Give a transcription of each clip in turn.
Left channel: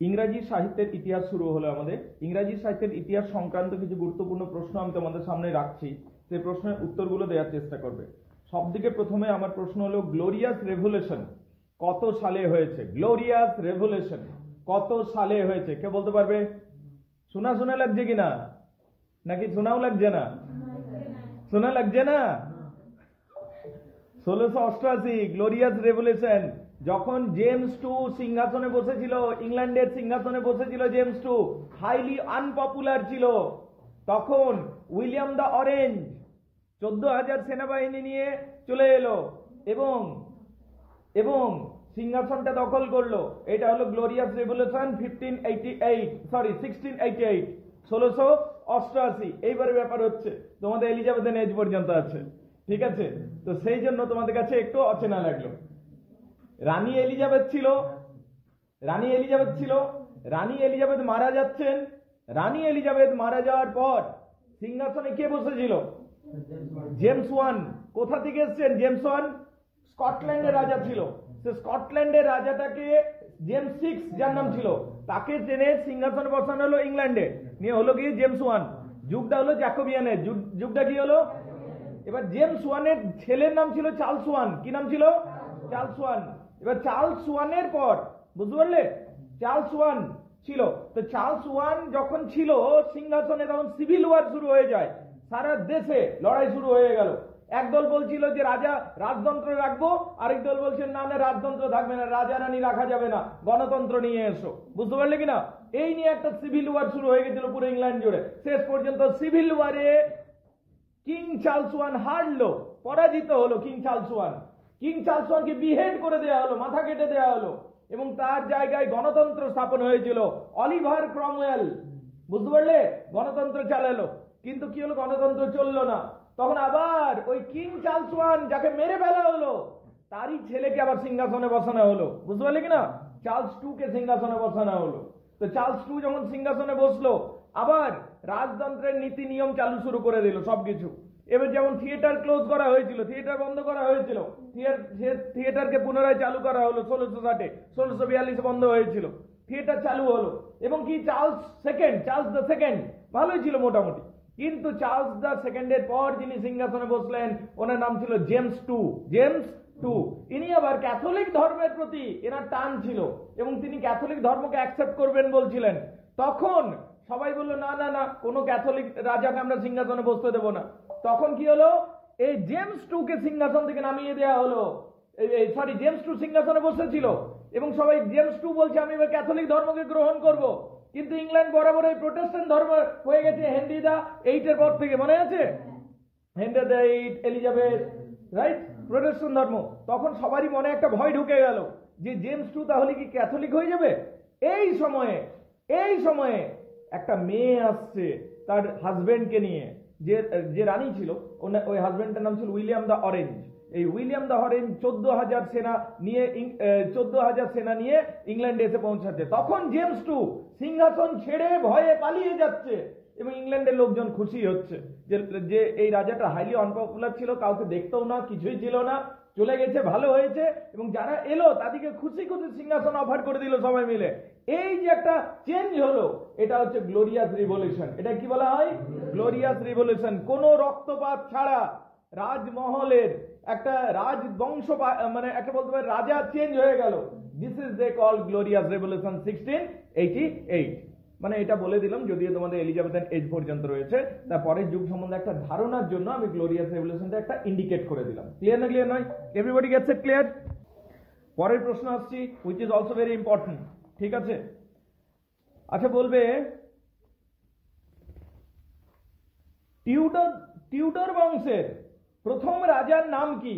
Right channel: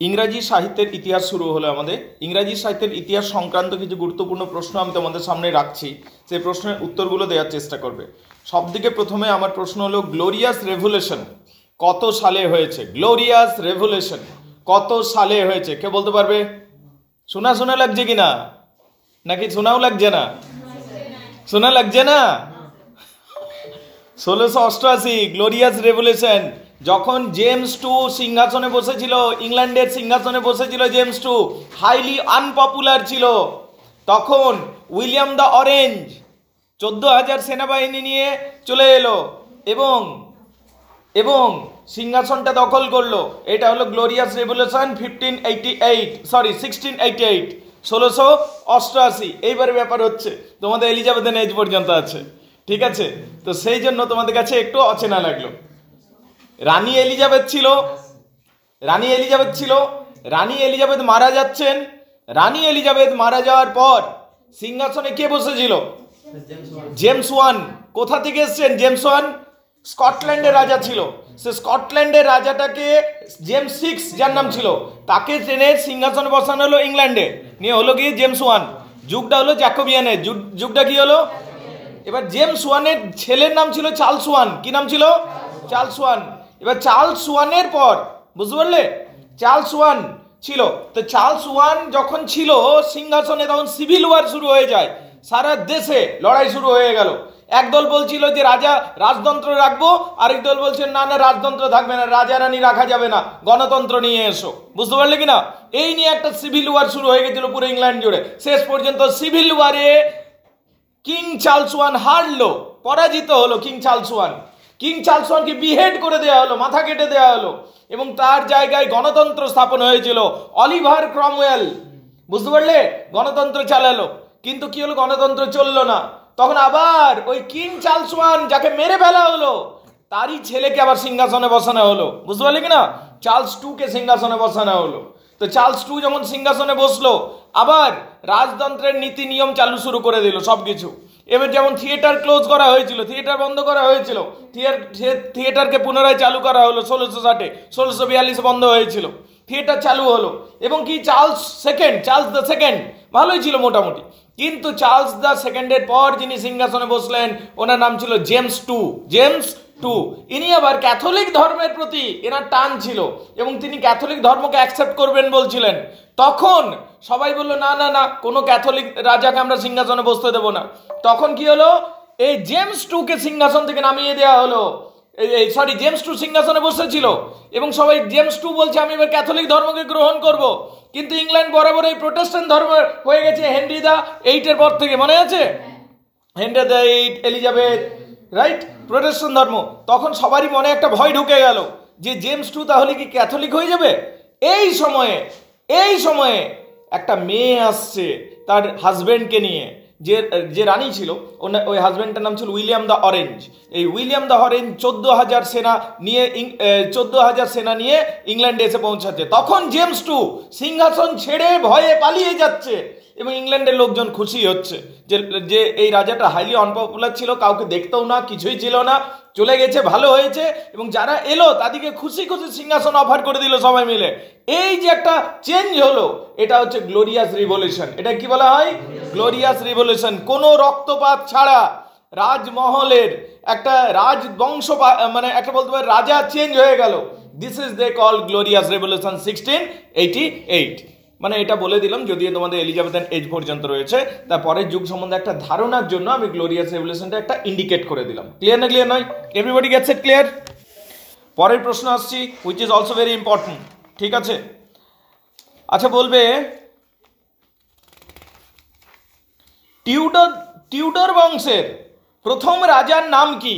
ইংরাজি সাহিত্যের ইতিহাস শুরু হলো আমাদের। ইংরাজি সাহিত্যের ইতিহাস সংক্রান্ত কিছু গুরুত্বপূর্ণ প্রশ্ন আমি তোমাদের সামনে রাখছি, সেই প্রশ্নের উত্তরগুলো দেওয়ার চেষ্টা করবে। সবদিকে প্রথমে আমার প্রশ্ন হলো, গ্লোরিয়াস রেভলিউশন কত সালে হয়েছে? গ্লোরিয়াস রেভলিউশন কত সালে হয়েছে? কে বলতে পারবে? শোনা শোনা লাগছে কিনা, নাকি শোনাও লাগছে না? শোনা লাগছে না? 1688 গ্লোরিয়াস রেভলিউশন, যখন জেমস টু সিংহাসনে বসেছিল, ইংল্যান্ডের সিংহাসনে বসেছিল জেমস টু, হাইলি আনপপুলার ছিল। তখন উইলিয়াম দ্য অরেঞ্জ 14,000 সেনাবাহিনী নিয়ে চলে এলো এবং এবং সিংহাসনটা দখল করলো। এটা হলো গ্লোরিয়াস রেভলিউশন 1688। 1688। এইবারে ব্যাপার হচ্ছে তোমাদের এলিজাবেথের এজ পর্যন্ত আছে, ঠিক আছে? তো সেই জন্য তোমাদের কাছে একটু অচেনা লাগলো। রানী এলিজাবেথ ছিল, রানী এলিজাবেথ মারা যাচ্ছেন। রানী এলিজাবেথ মারা যাওয়ার পর সিংহাসনে কে বসেছিল? James one. কোথা থেকে এসছেন জেমস ওয়ান? স্কটল্যান্ডের রাজা ছিল। সে স্কটল্যান্ডের রাজাটাকে জেমস সিক্স, যার নাম ছিল, তাকে ট্রেনে সিংহাসনে বসানো হলো ইংল্যান্ডে, নিয়ে হলো কি জেমস ওয়ান। যুগটা হলো জ্যাকোবিয়ানের যুগটা কি হলো? এবার জেমস ওয়ানের ছেলের নাম ছিল চার্লস ওয়ান। কি নাম ছিল? Charles one. এবার চার্লস ওয়ানের পর, বুঝতে পারলে, চার্লস ওয়ান ছিল। তো চার্লস ওয়ান যখন ছিল সিংহাসনে, তখন সিভিল ওয়ার শুরু হয়ে যায়, সারা দেশে লড়াই শুরু হয়ে গেল। একদল বলছিল যে রাজা রাজতন্ত্র রাখবো, আরেক দল বলছে না না রাজতন্ত্র থাকবে না, রাজা রানী রাখা যাবে না, গণতন্ত্র নিয়ে এসো। বুঝতে পারলে কিনা? এই নিয়ে একটা সিভিল ওয়ার শুরু হয়ে গেছিল পুরো ইংল্যান্ড জুড়ে। শেষ পর্যন্ত সিভিল ওয়ারে কিং চার্লস ওয়ান হারলো, পরাজিত হলো king Charles one. King Charles ওয়ানকে বিহেড করে দেওয়া হলো, মাথা কেটে দেওয়া হলো, এবং তার জায়গায় গণতন্ত্র স্থাপন হয়েছিল। অলিভার ক্রমওয়েল, বুঝতে পারলে, গণতন্ত্র চালালো। কিন্তু কি হলো, গণতন্ত্র চললো না। তখন আবার ওই কিং চার্লস ওয়ান, যাকে মেরে ফেলা হলো, তারই ছেলেকে আবার সিংহাসনে বসানো হলো। বুঝতে পারলে কিনা? চার্লস টু কে সিংহাসনে বসানো হলো। তো চার্লস টু যখন সিংহাসনে বসলো, আবার রাজতন্ত্রের নীতি নিয়ম চালু শুরু করে দিল সবকিছু। এবার যেমন থিয়েটার ক্লোজ করা হয়েছিল, থিয়েটার বন্ধ করা হয়েছিল, থিয়েটারকে পুনরায় চালু করা হলো 1660। 1642 বন্ধ হয়েছিল, থিয়েটার চালু হলো। এবং কি চার্লস দ্য সেকেন্ড ভালোই ছিল মোটামুটি, কিন্তু চার্লস দ্য সেকেন্ডের পর যিনি সিংহাসনে বসলেন, ওনার নাম ছিল জেমস টু। ইনি আবার ক্যাথলিক ধর্মের প্রতি এনার টান ছিল, এবং তিনি ক্যাথলিক ধর্মকে অ্যাকসেপ্ট করবেন বলছিলেন। তখন সবাই বললো না না না, কোনো ক্যাথলিক রাজাকে আমরা সিংহাসনে বসতে দেবো না। তখন কি হলো, এই জেমস টু কে সিংহাসন থেকে নামিয়ে দেওয়া হলো। জেমস টু সিংহাসনে বসেছিল, এবং সবাই জেমস টু বলছে আমি এবার ক্যাথলিক ধর্মকে গ্রহণ করব। কিন্তু ইংল্যান্ড বরাবর এই প্রোটেস্ট্যান্ট ধর্ম হয়ে গেছে হেনরি দা এইটের পর থেকে, মনে আছে? হেনরি দা এইট, এলিজাবেথ, রাইট, প্রোটেস্ট্যান্ট ধর্ম। তখন সবারই মনে একটা ভয় ঢুকে গেল যে জেমস টু তাহলে কি ক্যাথলিক হয়ে যাবে? এই সময়ে একটা মেয়ে আসছে তার হাজবেন্ডকে নিয়ে, যে রানী ছিল, ওই হাজবেন্ডটার নাম ছিল উইলিয়াম দ্য অরেঞ্জ। এই উইলিয়াম দ্য অরেঞ্জ 14,000 সেনা নিয়ে ইংল্যান্ডে এসে পৌঁছাচ্ছে। তখন জেমস টু সিংহাসন ছেড়ে ভয়ে পালিয়ে যাচ্ছে, এবং ইংল্যান্ডের লোকজন খুশি হচ্ছে যে এই রাজাটা হাইলি আনপপুলার ছিল, কাউকে দেখতেও না, কিছুই ছিল না, চলে গেছে, ভালো হয়েছে। এবং যারা এলো তাদেরকে খুশি খুশি সিংহাসন অফার করে দিল সবাই মিলে। এই যে একটা চেঞ্জ হলো, এটা হচ্ছে গ্লোরিয়াস রিভলিউশন। এটা কি বলা হয়? Glorious revolution. কোনো রক্তপাত ছাড়া রাজমহলের একটা রাজবংশ, মানে একটা বলতে পারে রাজা চেঞ্জ হয়ে গেল। This is they call Glorious Revolution 1688। মানে এটা বলে দিলাম, যদিও তোমাদের এলিজাবেথের এজ পর্যন্ত রয়েছে, তারপরের যুগ সম্বন্ধে একটা ধারণার জন্য আমি গ্লোরিয়াস রেভলিউশনটা একটা ইন্ডিকেট করে দিলাম। ক্লিয়ার না? ক্লিয়ার নয়? Everybody gets it? ক্লিয়ার? পরের প্রশ্ন আসছি, which is also very important, ঠিক আছে? আচ্ছা, বলবে টিউডর বংশের প্রথম রাজার নাম কি?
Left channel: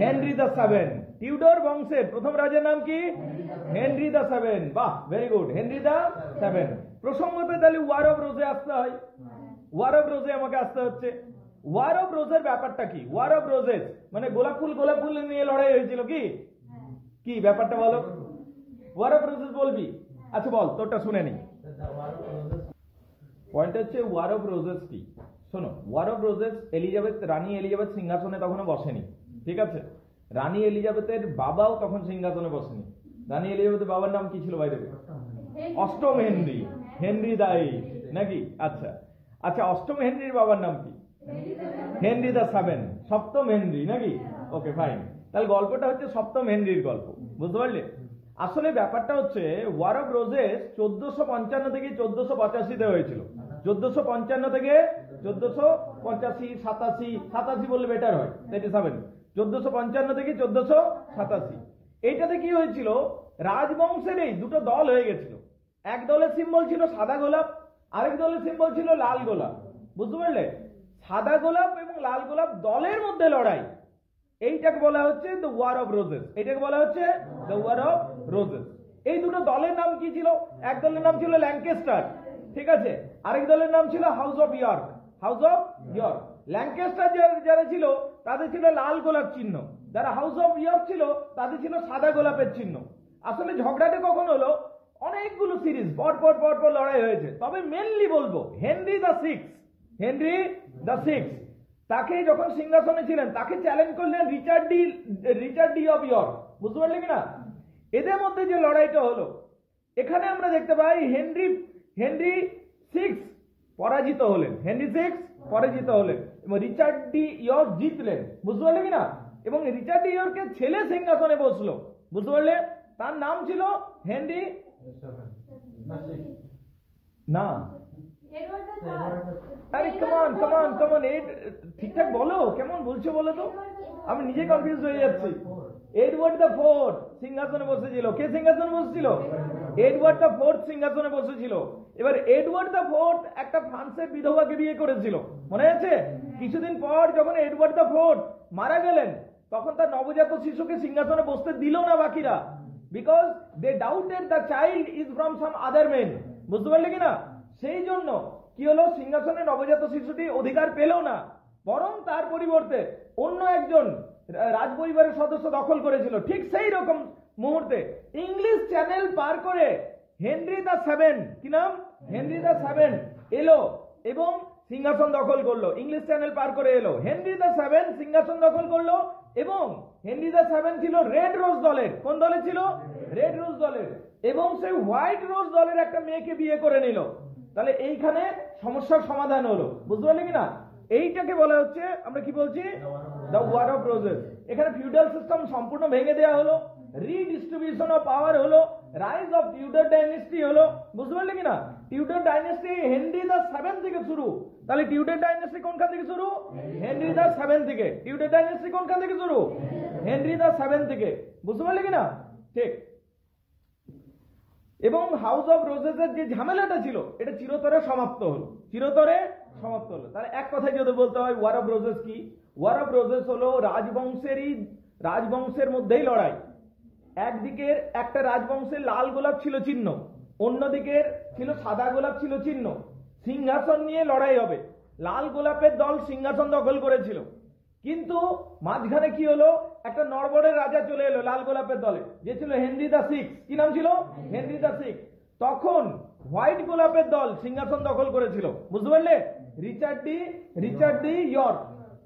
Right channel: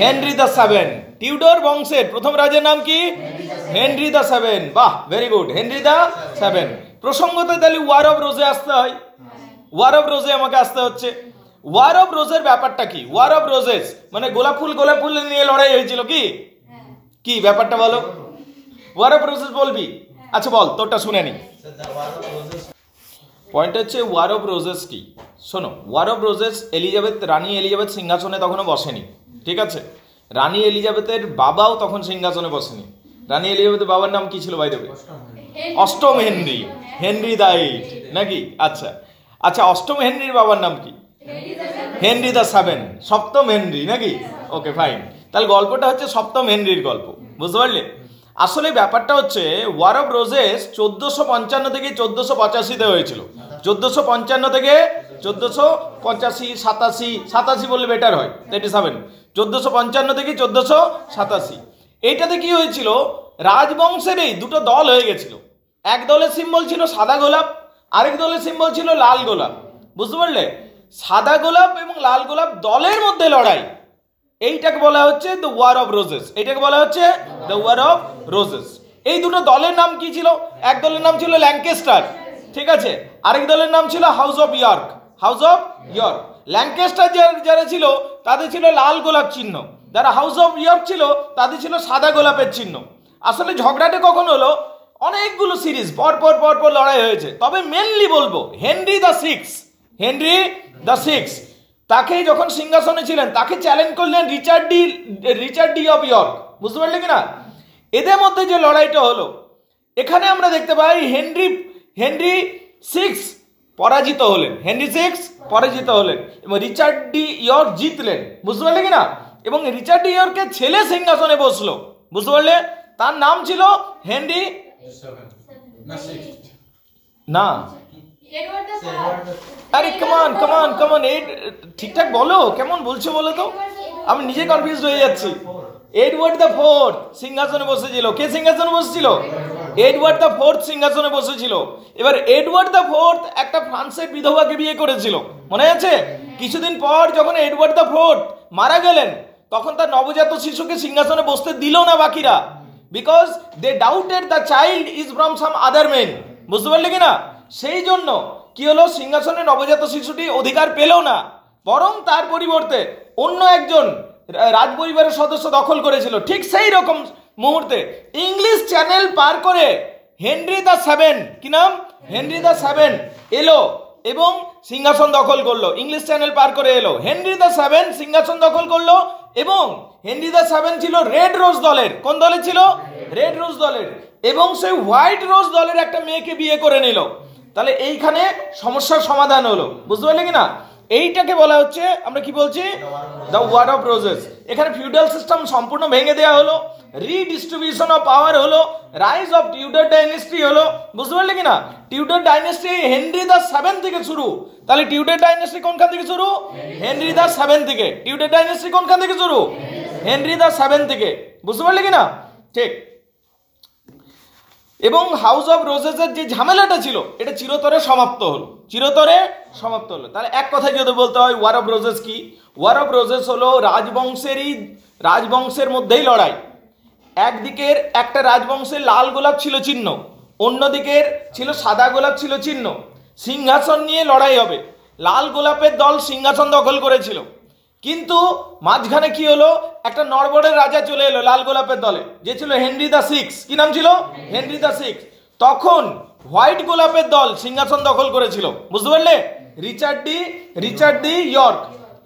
Henry the seven. টিউডর বংশের প্রথম রাজার নাম কি? Henry the Seventh. বাহ, very good, Henry the Seventh. প্রসঙ্গতে তাহলে ওয়ার অফ রোজে আসতে হয়, ওয়ার অফ রোজে আমাকে আসতে হচ্ছে। ওয়ার অফ রোজের ব্যাপারটা কি? ওয়ার অফ রোজেস মানে গোলাপ ফুল নিয়ে লড়াই হয়েছিল, কি ব্যাপারটা বলো? ওয়ার অফ রোজেস বলবি? আচ্ছা বল, তোরটা শুনে নি। পয়েন্ট হচ্ছে ওয়ার অফ রোজেস কি? শোনো, ওয়ার অফ রোজেস, রানী এলিজাবেথ সিংহাসনে তখনও বসেনি, ঠিক আছে? রানী এলিজাবেথের বাবাও তখন সিংহাসনে বসেনি। রানী এলিজাবেথের বাবার নাম কি ছিল বাই দ্য ওয়ে? অষ্টম হেনরি, হেনরি দা এইট নাকি? আচ্ছা আচ্ছা, অষ্টম হেনরির বাবার নাম কি? হেনরি দা সেভেন, সপ্তম হেনরি নাকি? ওকে ফাইন, তাহলে গল্পটা হচ্ছে সপ্তম হেনরির গল্প, বুঝতে পারলে? আসলে ব্যাপারটা হচ্ছে ওয়ার অফ রোজেস 1455 থেকে 1485 হয়েছিল। 1455 থেকে 1485, 87 বললে বেটার হয়, 37, 1455 থেকে 1487। এইটাতে কি হয়েছিল, রাজবংশের এই দুটো দল হয়ে গেছিল। এক দলের সিম্বল ছিল সাদা গোলাপ, আরেক দলের সিম্বল ছিল লাল গোলাপ, বুঝতে পারলে? সাদা গোলাপ এবং লাল গোলাপ দলের মধ্যে লড়াই, এইটাকে বলা হচ্ছে দ্য ওয়ার অফ রোজেস। এইটাকে বলা হচ্ছে দ্য ওয়ার অফ রোজেস। এই দুটো দলের নাম কি ছিল? এক দলের নাম ছিল ল্যাঙ্কেস্টার, ঠিক আছে, আরেক দলের নাম ছিল house of York, house of York. Lancaster যারা ছিল তাদের ছিল লাল গোলাপ চিহ্ন, যারা হাউস অফ ইয়র্ক ছিল তাদের ছিল সাদা গোলাপের চিহ্ন। আসলে ঝগড়াটা কখন হলো? অনেকগুলো সিরিজ পরপর পরপর লড়াই হয়েছে, তবে মেনলি বলবো Henry the six, Henry the six তাকে যখন সিংহাসনে ছিলেন তাকে চ্যালেঞ্জ করলেন রিচার্ড ডি অফ ইয়র্ক, বুঝতে পারলে কিনা? এদের মধ্যে যে লড়াইটা হলো, এখানে আমরা দেখতে পাই হেনরি সিক্স পরাজিত হলেন, হেনরি সিক্স পরাজিত হলেন এবং রিচার্ড ডি ইয়র্ক জিতলেন, বুঝতে পারলে কিনা? এবং রিচার্ড ডি ইয়র্কের ছেলে সিংহাসনে বসলো, বুঝতে পারলে? তার নাম ছিল হেনরি না, আরে কমান কমান কমান, এই ঠিকঠাক বলো, কেমন বলছো বলো তো, আমি নিজে কনফিউজ হয়ে যাচ্ছি। এডওয়ার্ড দ্য ফোর্থ সিংহাসনে বসেছিল। কে সিংহাসনে বসেছিল? এডওয়ার্ড দ্য ফোর্থ সিংহাসনে বসেছিল। এবার এডওয়ার্ড দ্য ফোর্থ একটা ফ্রান্সের বিধবাকে বিয়ে করেছিল, মনে আছে? কিছুদিন পর যখন এডওয়ার্ড দ্য ফোর্থ মারা গেলেন, তখন তার নবজাত শিশুকে সিংহাসনে বসতে দিল না বাকিরা, because they doubted the child is from some other men, বুঝতে পারলে কিনা? সেই জন্য কি হলো, সিংহাসনে নবজাত শিশুটি অধিকার পেল না, বরং তার পরিবর্তে অন্য একজন রাজপরিবারের সদস্য দখল করেছিল। ঠিক সেই রকম মুহূর্তে ইংলিশ চ্যানেল পার করে হেনরি দা সেভেন, কি নাম? হেনরি দা সেভেন এলো এবং সিংহাসন দখল করলো। ইংলিশ চ্যানেল পার করে এলো, হেনরি দা সেভেন সিংহাসন দখল করলো এবং হেনরি দা সেভেন ছিল রেড রোজ দলের। কোন দলের ছিল? রেড রোজ দলের। এবং সেই হোয়াইট রোজ দলের একটা মেয়েকে বিয়ে করে নিল। তাহলে এইখানে সমস্যার সমাধান হলো, বুঝতে পারলে কিনা? এইটাকে বলা হচ্ছে, আমরা কি বলছি, দ্য ওয়ার অফ রোজেস। এখানে ফিউডাল সিস্টেম সম্পূর্ণ ভেঙে দেওয়া হলো, রিডিস্ট্রিবিউশন অফ পাওয়ার হলো, রাইজ অফ টিউডার ডাইনেস্টি হলো, বুঝতে পারলে কিনা? Tudor dynasty Henry the seven থেকে শুরু। তাহলে টিউডার ডাইনেস্টি কোনখান থেকে শুরু? হেনরি দা সেভেন থেকে। টিউডার ডাইনেস্টি কোনখান থেকে শুরু? হেনরি দা সেভেন থেকে, বুঝতে পারলে কিনা? ঠিক। এবং হাউস অফ রোজেসের যে ঝামেলাটা ছিল, এটা চিরতরে সমাপ্ত হলো, চিরতরে সমাপ্ত হলো। তাহলে এক কথায় যদি বলতে হয় ওয়ার অফ রোজেস কি, ওয়ার অফ রোজেস হলো রাজবংশের মধ্যেই লড়াই। একদিকের একটা রাজবংশের লাল গোলাপ ছিল চিহ্ন, অন্যদিকের ছিল সাদা গোলাপ ছিল চিহ্ন। সিংহাসন নিয়ে লড়াই হবে। লাল গোলাপের দল সিংহাসন দখল করেছিল, কিন্তু মাঝখানে কি হলো, একটা নড়বড়ের রাজা চলে এলো লাল গোলাপের দলে, যে ছিল হেনরি দা সিক্স। কি নাম ছিল? হেনরি দা সিক্স। তখন হোয়াইট গোলাপের দল সিংহাসন দখল করেছিল, বুঝতে পারলে? রিচার্ড ডি ইয়র্ক,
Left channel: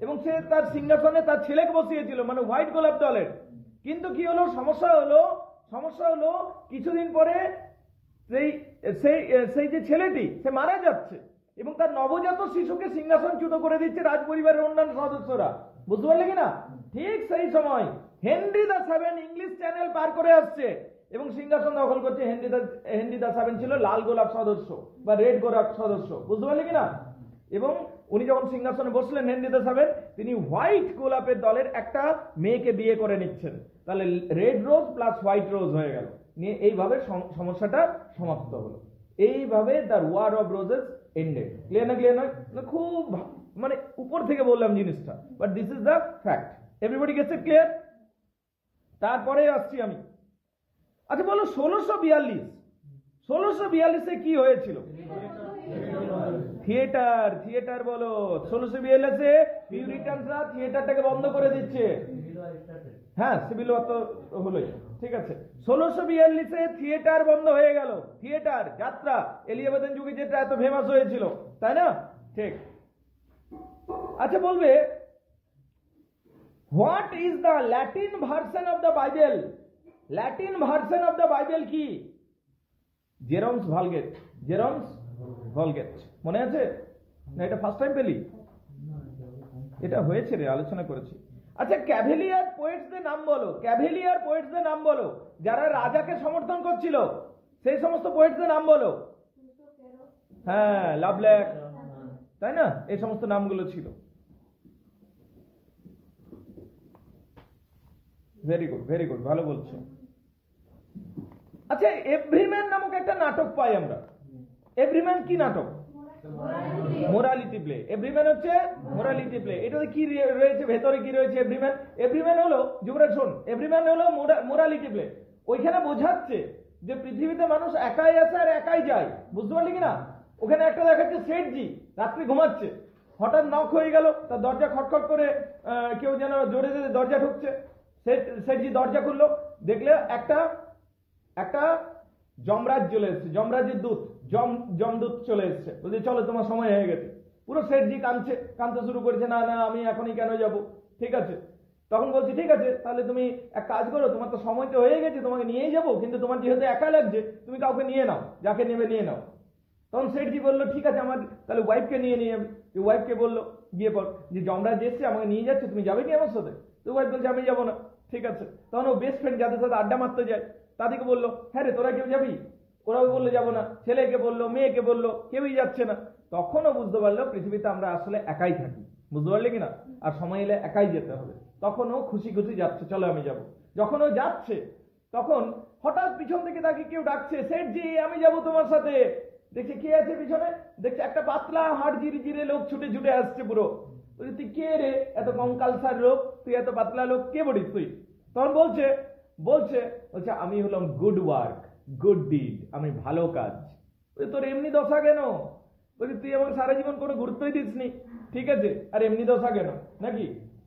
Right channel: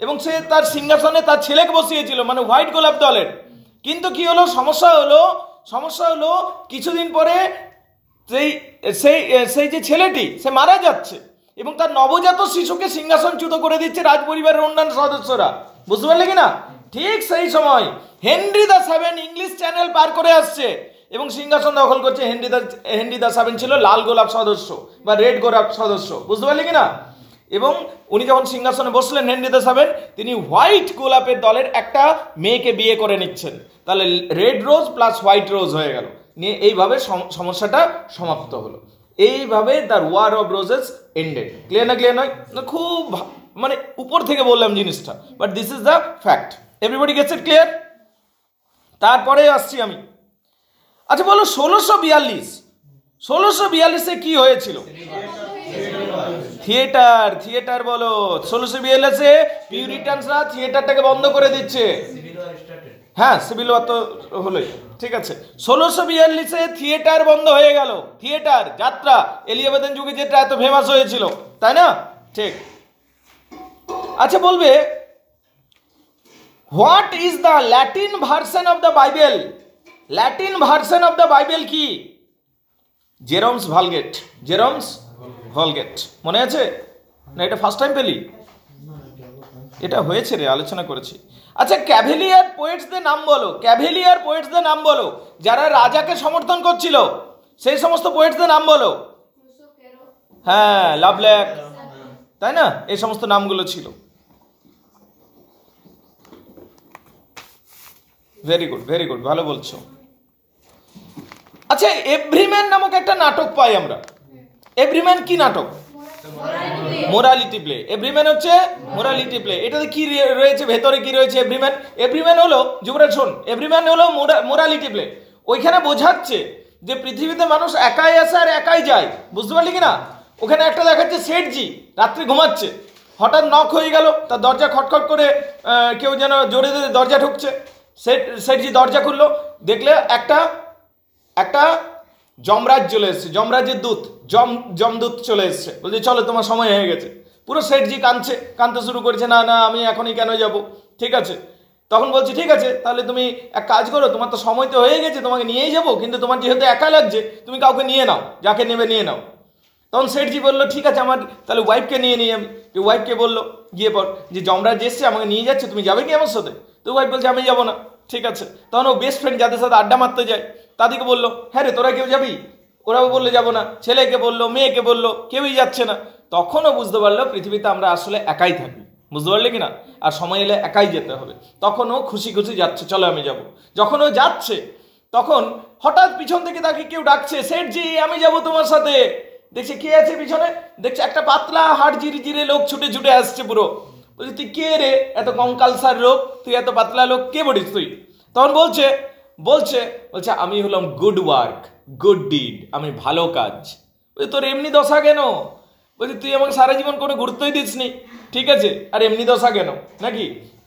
এবং সে তার সিংহাসনে তার ছেলেকে বসিয়েছিল, মানে হোয়াইট গোলাপ দলের। কিন্তু কি হলো, সমস্যা হলো কিছুদিন পরে সেই যে ছেলেটি সে মারা যাচ্ছে এবং তার নবজাত শিশুকে সিংহাসনচ্যুত করে দিচ্ছে রাজপরিবারের অন্যান্য সদস্যরা, বুঝতে পারলে কিনা? ঠিক সেই সময় Henry the seven English channel পার করে আসছে এবং সিংহাসন দখল করছে। হেনরি দা সেভেন ছিল লাল গোলাপ সদস্য বা রেড গোলাপ সদস্য, বুঝতে পারলে কিনা? এবং উনি যখন সিংহাসনে বসলেন হেনরি দা সেভেন, তিনি হোয়াইট গোলাপের দলের একটা মেয়েকে বিয়ে করে নিচ্ছেন। তাহলে red rose plus white rose হয়ে গেল, নিয়ে এইভাবে সমস্যাটা সমাপ্ত হলো। এইভাবে the War of Roses ended. Clear না? ক্লিয়ার নয় না? খুব মানে উপর থেকে বললাম জিনিসটা, but this is the fact. Everybody gets it? Clear? তারপরে আসছি আমি। আচ্ছা বলো, 1642 কি হয়েছিল? থিয়েটার বলো। 1642 পিউরিটানসরা থিয়েটারটাকে বন্ধ করে দিচ্ছে। হ্যাঁ, সিভিল ওয়ার তো হলোই, ঠিক আছে। 1642 থিয়েটার বন্ধ হয়ে গেল। থিয়েটার যাত্রা এলিজাবেথের যুগে যেটা এত ফেমাস হয়েছিল, তাই না? ঠিক। আচ্ছা বলবে, what is the Latin version of the Bible? Latin version of the Bible কি? জেরমস ভালগেট। জেরমস ভালগেট মনে আছে না? এটা ফার্স্ট টাইম পেলি? এটা হয়েছে রে, আলোচনা করেছি। আচ্ছা, ক্যাভেলিয়ার পোয়েটসদের নাম বলো, ক্যাভেলিয়ার পোয়েটসদের নাম বলো, যারা রাজাকে সমর্থন করছিল সেই সমস্ত পোয়েটসদের নাম বলো। হ্যাঁ, লাভলেক, তাই না? এই সমস্ত নামগুলো ছিল। ভেরি গুড, ভেরি গুড, ভালো বলছো। আচ্ছা, এভরিম্যান নামক একটা নাটক পাই আমরা। এভরিম্যান কি নাটক? Morality play. এভরিম্যান হচ্ছে মোরালিটি প্লে। এটাতে কি রয়েছে, ভেতরে কি রয়েছে? এভরিম্যান, এভরিম্যান হলো, যুবরাজ শোন, এভরিম্যান হলো মোরালিটি প্লে। ওইখানে বোঝাচ্ছে যে পৃথিবীতে মানুষ একাই আসে আর একাই যায়, বুঝতে পারলি কিনা? ওখানে একটা দেখাচ্ছে শেঠজি রাত্রি ঘুমাচ্ছে, হঠাৎ নক হয়ে গেল, তার দরজা খটখট করে কেউ যেন জোরে দরজা ঢুকছে। শেঠজি দরজা খুললো, দেখলে একটা যমরাজ চলে এসছে, যমরাজের দূত, যমদূত চলে এসছে, বলছে চলো তোমার সময় হয়ে গেছে। পুরো শেঠজি কাঁদতে শুরু করেছে, না না আমি এখনই কেন যাব, ঠিক আছে। তখন বলছে ঠিক আছে, তাহলে তুমি এক কাজ করো, তোমার তো সময় তো হয়ে গেছে, তোমাকে নিয়েই যাবো, কিন্তু তোমার যেহেতু একা লাগছে তুমি কাউকে নিয়ে নাও, যাকে নেবে নিয়ে নাও। তখন শেঠজি বললো ঠিক আছে, আমার তাহলে ওয়াইফকে নিয়ে নিই আমি। ওয়াইফকে বললো গিয়ে পর যে যমরাজ এসছে, আমাকে নিয়ে যাচ্ছে, তুমি যাবে কি আমার সাথে? তো ওয়াইফ বলছে আমি যাবো না। ঠিক আছে, তখন ও বেস্ট ফ্রেন্ড যাদের সাথে আড্ডা মারতে যায় তাদেরকে বললো হ্যাঁ রে তোরা কেউ যাবি? ওরাও বললে যাবো না। ছেলেকে বললো, মেয়েকে বললো, কেউই যাচ্ছে না। তখনও বুঝতে পারলো পৃথিবীতে আমরা আসলে একাই থাকি, বুঝতে পারলে কিনা? আর সময় এলে একাই যেতে হবে। তখন ও খুশি খুশি যাচ্ছে, চলো আমি যাব। যখন ও যাচ্ছে তখন হঠাৎ পিছন থেকে তাকে কেউ ডাকছে, শেঠজি আমি যাব তোমার সাথে। দেখছে কে আছে পিছনে, দেখছে একটা পাতলা হাড় জিরে লোক ছুটে ছুটে আসছে পুরো। বলছে তুই কে রে, এত কঙ্কালসার লোক, তুই এত পাতলা লোক, কে বলিস তুই? তখন বলছে আমি হলাম গুড ওয়ার্ক, গুড ডিড, আমি ভালো কাজ। বলছে তোর এমনি দশা কেন? বলছে তুই আমাকে সারা জীবন কোনো গুরুত্বই দিসনি, ঠিক আছে, আর এমনি দশা কেন নাকি?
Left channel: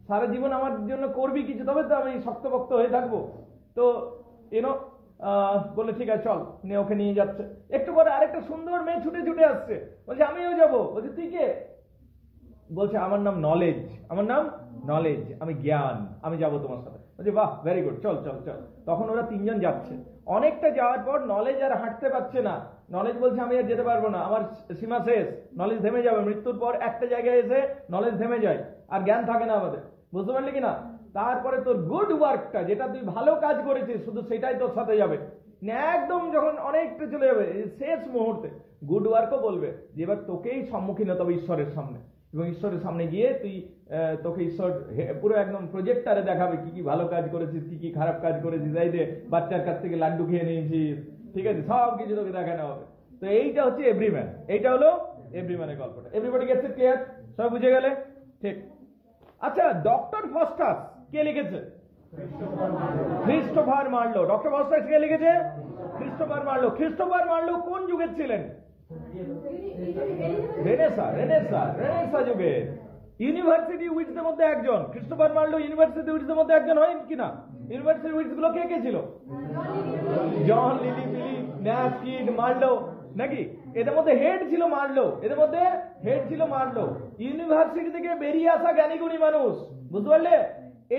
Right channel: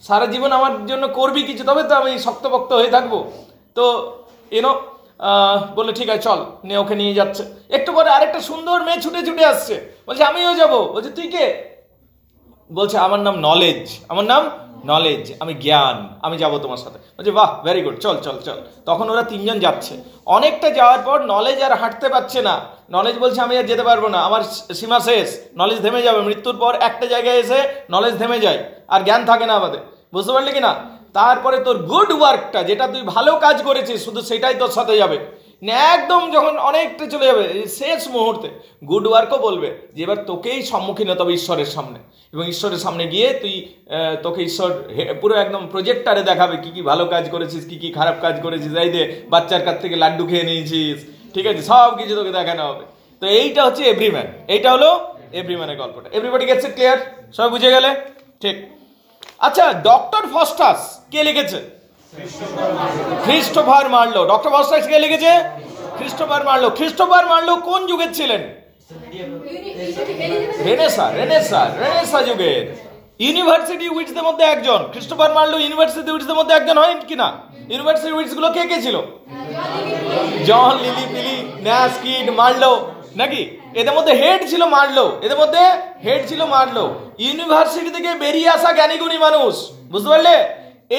সারা জীবন আমার জন্য করবি কিছু, তবে তো আমি শক্তপোক্ত হয়ে থাকবো। তো বললে ঠিক আছে চল, নিয়ে ওকে নিয়ে যাচ্ছে। একটু পরে আরেকটা সুন্দর মেয়ে ছুটে ছুটে আসছে, বলছে আমিও যাবো। বলছে তুই কে? বলছে আমার নাম নলেজ, আমার নাম নলেজ, আমি জ্ঞান, আমি যাব তোমার সাথে। বলছে বাহ ভেরি গুড, চল চল চল। তখন ওরা তিনজন যাচ্ছে। অনেকটা যাওয়ার পর নলেজ আর হাঁটতে পারছে না। নলেজ বলছে আমি আর যেতে পারবো না, আমার সীমা শেষ, নলেজ থেমে যাবে। মৃত্যুর পর একটা জায়গায় এসে নলেজ থেমে যায়, আর জ্ঞান থাকে না আমাদের, বুঝতে পারলি কিনা? তারপরে তোর গুড ওয়ার্কটা, যেটা তুই ভালো কাজ করেছিস, শুধু সেটাই তোর সাথে যাবে। একদম যখন অনেকটা চলে যাবে শেষ মুহূর্তে গুড ওয়ার্কও বলবে যে এবার তোকেই সম্মুখীন হতে হবে ঈশ্বরের সামনে, এবং ঈশ্বরের সামনে গিয়ে তোকে ঈশ্বর পুরো একদম প্রজেক্টারে দেখাবে কি কি ভালো কাজ করেছিস, কি কি খারাপ কাজ করেছিস। এই দে বাচ্চার কাছ থেকে লাড্ডু খেয়ে নিয়েছিস, ঠিক আছে, সব কিছু তোকে দেখানো হবে। তো এইটা হচ্ছে এভরিম্যান, এইটা হলো এভরিম্যানের গল্পটা। Everybody gets it? ক্লিয়ার? সবাই বুঝে গেলে? ঠিক। আচ্ছা, ডক্টর ফস্টাস কে লিখেছে? Christopher Marlowe. ডক্টর ফস্টাস কে লিখেছে? Christopher Marlowe. ক্রিস্টোফার মার্লো কোন যুগের ছিলেন? রেনেসা যুগের। ইউনিভার্সিটি উইটসদের মধ্যে একজন। ক্রিস্টোফার মার্লো ইউনিভার্সিটি উইটসদের মধ্যে একজন হয় কিনা? ইউনিভার্সিটি উইটস গুলো কে কে ছিল? জন, লিলি পিলি, ন্যাশ, কিড, মার্লো, নাকি? এদের মধ্যে হেড ছিল মার্লো। ইউনিভার্সিটি থেকে বেরিয়ে আসা জ্ঞানীগুণী মানুষ, বুঝতে পারলে?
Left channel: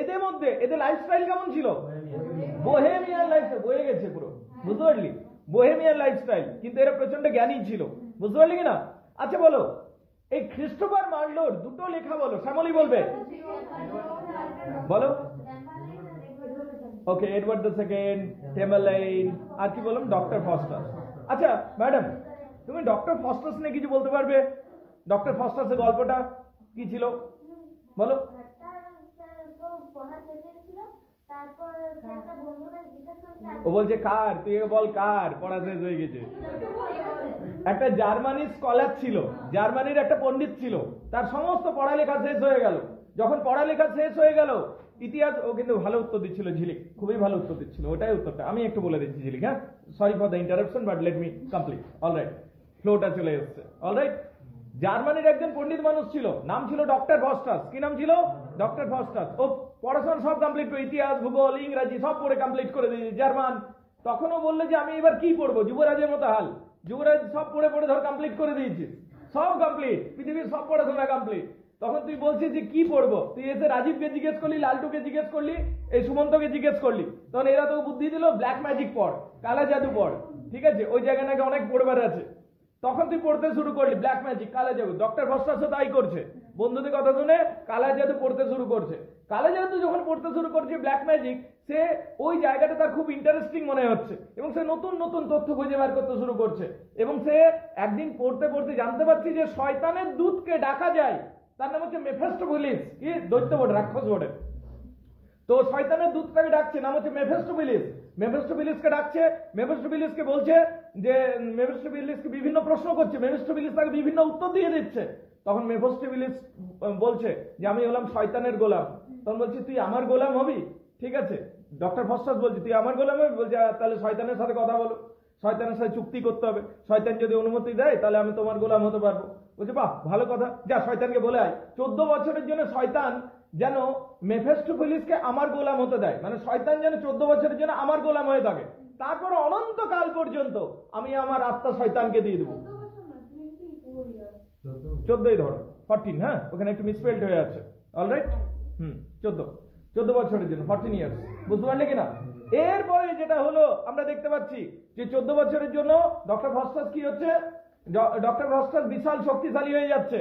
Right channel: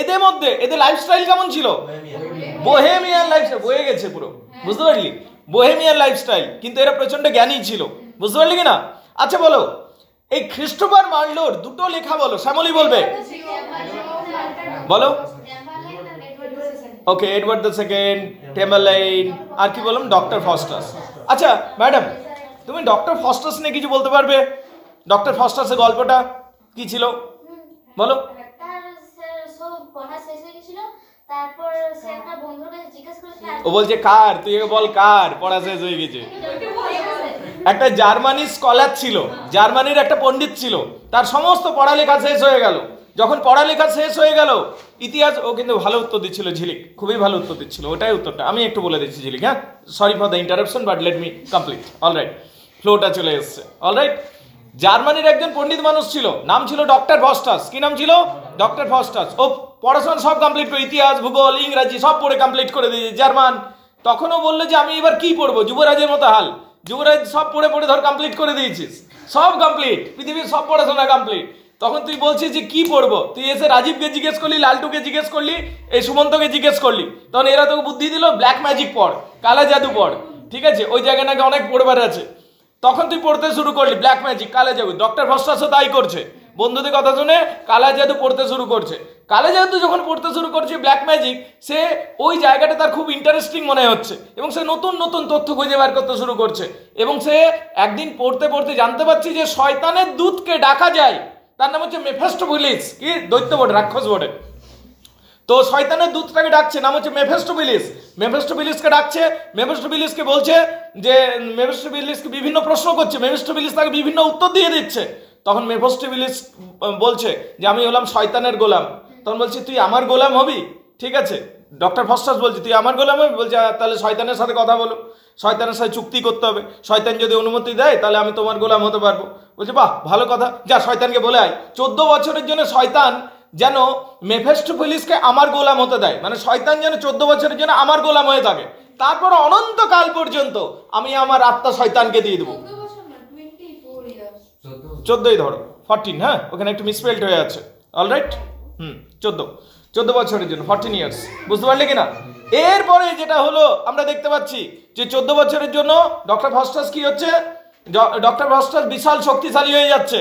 এদের মধ্যে এদের লাইফস্টাইল কেমন ছিল? Bohemian lifestyle. বয়ে গেছে পুরো, বুঝতে পারলি? বোহেমিয়ান লাইফস্টাইল, কিন্তু এরা প্রচন্ড জ্ঞানী ছিল, বুঝতে পারলি কিনা? আচ্ছা বলো, এই ক্রিস্টোফার মার্লোর দুটো লেখা বলো। শ্যামলী বলবে, বলো। ওকে, এডওয়ার্ড দ্য সেকেন্ড, টেম্বারলাইন, আর কি বললাম? Doctor Faustus. আচ্ছা ম্যাডাম, তুমি ডক্টর ফস্টাস নিয়ে কিছু বলতে পারবে? ডক্টর ফস্টাসের গল্পটা কি ছিল বলো। ও বলছে কার? তুই বল কার পড়া শেষ হয়ে গেছে? একটা জার্মানির স্কলার ছিল, জার্মানির একটা পণ্ডিত ছিল, তার সমস্ত পড়ালেখা শেষ হয়ে গেল। যখন পড়ালেখা শেষ হয়ে গেল, ইতিহাস, ও কিন্তু ভালো উত্তর দিচ্ছিল ঝিলিক, খুবই ভালো উত্তর দিচ্ছিল, ওটাই উত্তরটা আমি একটু বলে দিচ্ছি ঝিলিক। হ্যাঁ, sorry for the interruption, but let me complete. Alright, ফ্লোটা চলে এসছে। অলরাইট, জার্মানির একজন পণ্ডিত মানুষ ছিল, নাম ছিল ডক্টর ফস্টাস। কি নাম ছিল? Doctor Faustus. ও পড়াশোনা সব কমপ্লিট করে, ইতিহাস, ভূগোল, ইংরাজি সব পড়ে কমপ্লিট করে দিয়েছে, জার্মান। তখনও বললো যে আমি এবার কি পড়বো? যুবরাজের মতো হাল। যুবরাজ সব পড়ে ধর কমপ্লিট করে দিয়েছিস, সব কমপ্লিট, পৃথিবীর সব পড়াশোনা কমপ্লিট। তখন তুই বলছিস যে কি পড়বো, তুই এসে রাজীবকে জিজ্ঞেস করলি, লালটুকে জিজ্ঞেস করলি, এই সুমন্তকে জিজ্ঞেস করলি, তখন এরা তোকে বুদ্ধি দিল ব্ল্যাক ম্যাজিক পড়, কালা জাদু পড়, ঠিক আছে, ওই জায়গায় নাকি অনেক পড়বার আছে। তখন তুই পড়তে শুরু করলি ব্ল্যাক ম্যাজিক, কালা জাদু। ডক্টর ভস্টাসও তাই করছে, বন্ধুদের কথা শুনে কালা জাদু পড়তে শুরু করছে। কালা জাদু যখন পড়তে শুরু করছে, ব্ল্যাক ম্যাজিক, সে ওই জায়গাটা তার খুব ইন্টারেস্টিং মনে হচ্ছে এবং সে নতুন নতুন তথ্য খুঁজে বার করতে শুরু করছে। এবং সে একদিন পড়তে পড়তে জানতে পারছে যে শয়তানের দূতকে ডাকা যায়, তার নাম হচ্ছে মেফেস্টোফিলিস, কি দৈত্য বটে, রাক্ষস বটে। তো শয়তানের দূতটাকে ডাকছে, নাম হচ্ছে মেফেস্টোফিলিস। মেফেস্টোফিলিসকে ডাকছে, মেফেস্টোফিলিসকে বলছে যে, মেফেস্টোফিলিসকে বিভিন্ন প্রশ্ন করছে, মেফেস্টোফিলিস তাকে বিভিন্ন উত্তর দিয়ে দিচ্ছে। তখন মেফেস্টোফিলিস বলছে যে আমি হলাম শয়তানের গোলাম। তখন বলছি তুই আমার গোলাম হবি, ঠিক আছে। ডক্টর ফস্টাস বলছে তুই আমার গোলাম হবি, বলছে তাহলে শয়তানের সাথে কথা বলো, শয়তানের সাথে চুক্তি করতে হবে, শয়তান যদি অনুমতি দেয় তাহলে আমি তোমার গোলাম হতে পারবো। বলছে বাহ ভালো কথা, যা শয়তানকে বলে আয়। 14 বছরের জন্য শয়তান যেন মেফেস্টোফিলিসকে আমার গোলাম হতে দেয়, মানে শয়তান যেন 14 বছরের জন্য আমার গোলাম হয়ে থাকে, তারপর অনন্তকাল পর্যন্ত আমি আমার আত্মা শয়তানকে দিয়ে দেবো। 14ই ধরো, 14, হ্যাঁ ওখানে একটু মিসপেল্ড হয়ে আছে, অলরাইট, 14 বছরের জন্য 14 ইয়ার্স, বুঝতে পারলে কিনা। এরপরে যেটা হলো আমরা দেখতে পাচ্ছি যে 14 বছরের জন্য ডক্টর ফস্টাস কি হচ্ছে, ডক্টর ফস্টাস বিশাল শক্তিশালী হয়ে যাচ্ছে,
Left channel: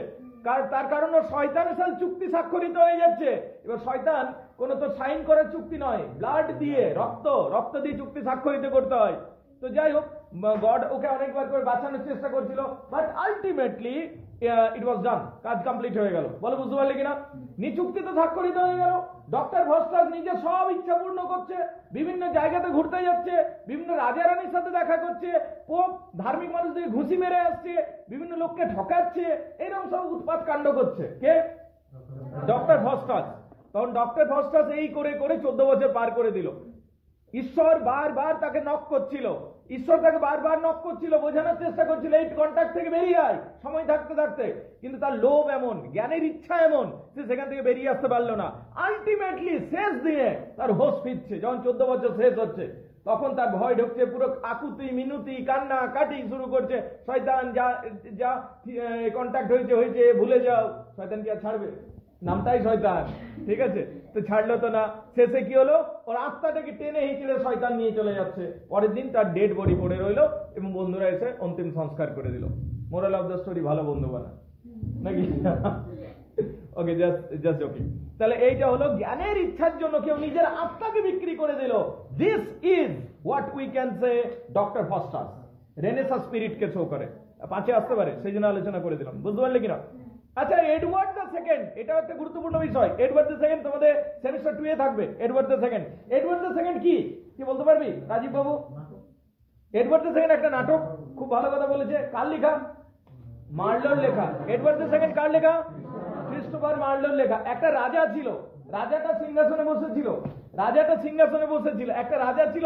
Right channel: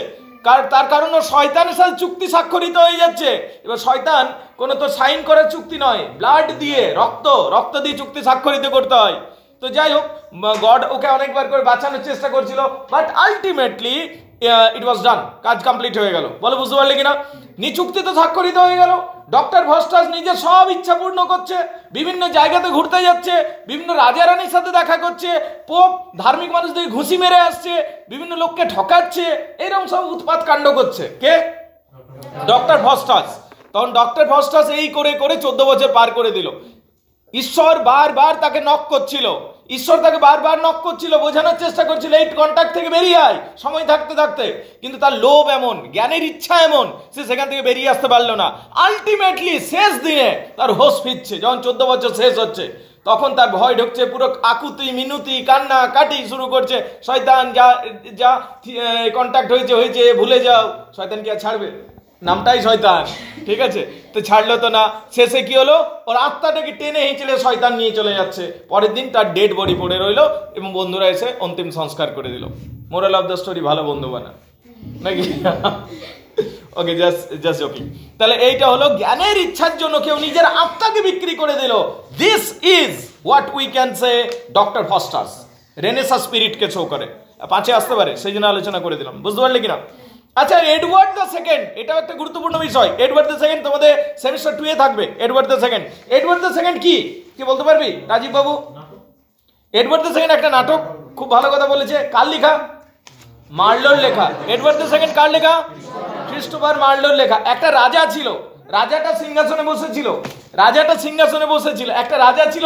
তার কারণ শয়তানের সাথে চুক্তি স্বাক্ষরিত হয়ে যাচ্ছে। এবার শয়তান কোনো তো সাইন করার চুক্তি নয়, ব্লাড দিয়ে, রক্ত দিয়ে চুক্তি স্বাক্ষরিত করতে হয়। তো যাই হোক, গড ওকে অনেকবার করে বাঁচানোর চেষ্টা করছিল, বাট আলটিমেটলি ইট ওয়াজ ডান, কাজ কমপ্লিট হয়ে গেল। বলো বুঝতে পারলে কিনা, চুক্তি তো স্বাক্ষরিত হয়ে গেল। ডক্টর ভস্টাস নিজের সব ইচ্ছা পূর্ণ করছে, বিভিন্ন জায়গাতে ঘুরতে যাচ্ছে, বিভিন্ন রাজা রানীর সাথে দেখা করছে, পোপ ধার্মিক মানুষদের ঘুষি মেরে আসছে, বিভিন্ন লোককে ঠকাচ্ছে, এরকম সব উৎপাত কাণ্ড করছে কে, ডক্টর ভস্টাস। তখন ডক্টর ভস্টাস এই করে করে 14 বছর পার করে দিল। ঈশ্বর বারবার তাকে নক করছিল, বোঝানোর চেষ্টা করছিল এই কন্ট্যাক্ট থেকে বেরিয়ে আয় সময় থাকতে থাকতে, কিন্তু তার লোভ এমন, জ্ঞানের ইচ্ছা এমন, সে সেখান থেকে বেরিয়ে আসতে পারলো না। আলটিমেটলি শেষ দিনে তার হোশ ফিরছে, যখন 14 বছর শেষ হচ্ছে, তখন তার ভয় ঢুকছে, পুরো আকুতি মিনতি কান্না কাটি শুরু করছে, শয়তান যা যা কন্ট্যাক্ট হয়েছে ভুলে যাও। শয়তান কি আর ছাড়বে, নামটাই শয়তান, ঠিক আছে, তো ছাড়লো তো না। শেষে কি হলো, ওর আত্মাটাকে টেনে হিঁচড়ে শয়তান নিয়ে চলে যাচ্ছে। পরের দিন তার ডেড বডি পড়ে রইলো এবং বন্ধুরা এসে অন্তিম সংস্কার করে দিল। মোরাল অফ দ্য স্টোরি, ভালো বন্ধু বানা নাকি, ওকে, জাস্ট জোকিং। তাহলে এইটা হলো জ্ঞানের ইচ্ছার জন্য কেউ নিজের আত্মাকে বিক্রি করে দিল। This is what we can say Doctor Faustus Renaissance স্পিরিটকে শো করে। 5-এ আসতে পারে, সেই জন্য আলোচনা করে দিলাম, বুঝতে পারলে কিনা। আচ্ছা, এডওয়ার্ড দ্য সেকেন্ড, এটাও একটা গুরুত্বপূর্ণ বিষয়। এডওয়ার্ড দ্য সেকেন্ড তোমাদের সেমিস্টার 2-এ থাকবে। এডওয়ার্ড দ্য সেকেন্ড কি বলতে পারবি রাজীব বাবু? এডওয়ার্ড দ্য সেকেন্ড একটা নাটক, খুব ভালো কথা বলেছে। কার লেখা? মার্লোর লেখা। এডওয়ার্ড দ্য সেকেন্ড কার লেখা? ক্রিস্টোফার মার্লোর লেখা। একটা রাজা ছিল, রাজাটা সিংহাসনে বসেছিল, একটা রাজা ছিল,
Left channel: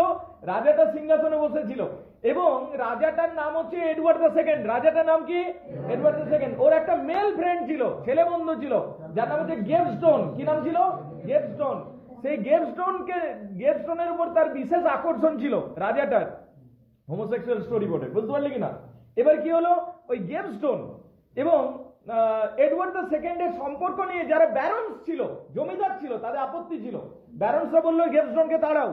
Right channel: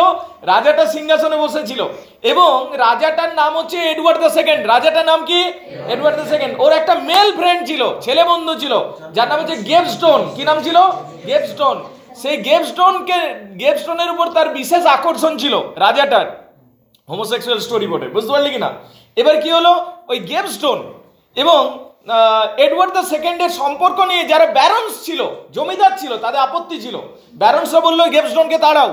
রাজাটা সিংহাসনে বসেছিল এবং রাজাটার নাম হচ্ছে এডওয়ার্ড দ্য সেকেন্ড। রাজাটার নাম কি? Edward the second. ওর একটা মেল ফ্রেন্ড ছিল, ছেলে বন্ধু ছিল, যার নাম হচ্ছে গেভস্টোন। কি নাম ছিল? গেভস্টোন। সেই গেভস্টোনের উপর তার বিশেষ আকর্ষণ ছিল রাজাটার। হোমোসেক্সুয়াল স্টোরি বটে, বুঝতে পারলি কিনা। এবার কি হলো, ওই গেভস্টোন এবং এডওয়ার্ড দ্য সেকেন্ডের সম্পর্ক নিয়ে যারা ব্যারন্স ছিল, জমিদার ছিল, তাদের আপত্তি ছিল। ব্যারন্সরা বললো গেভস্টোনকে তাড়াও,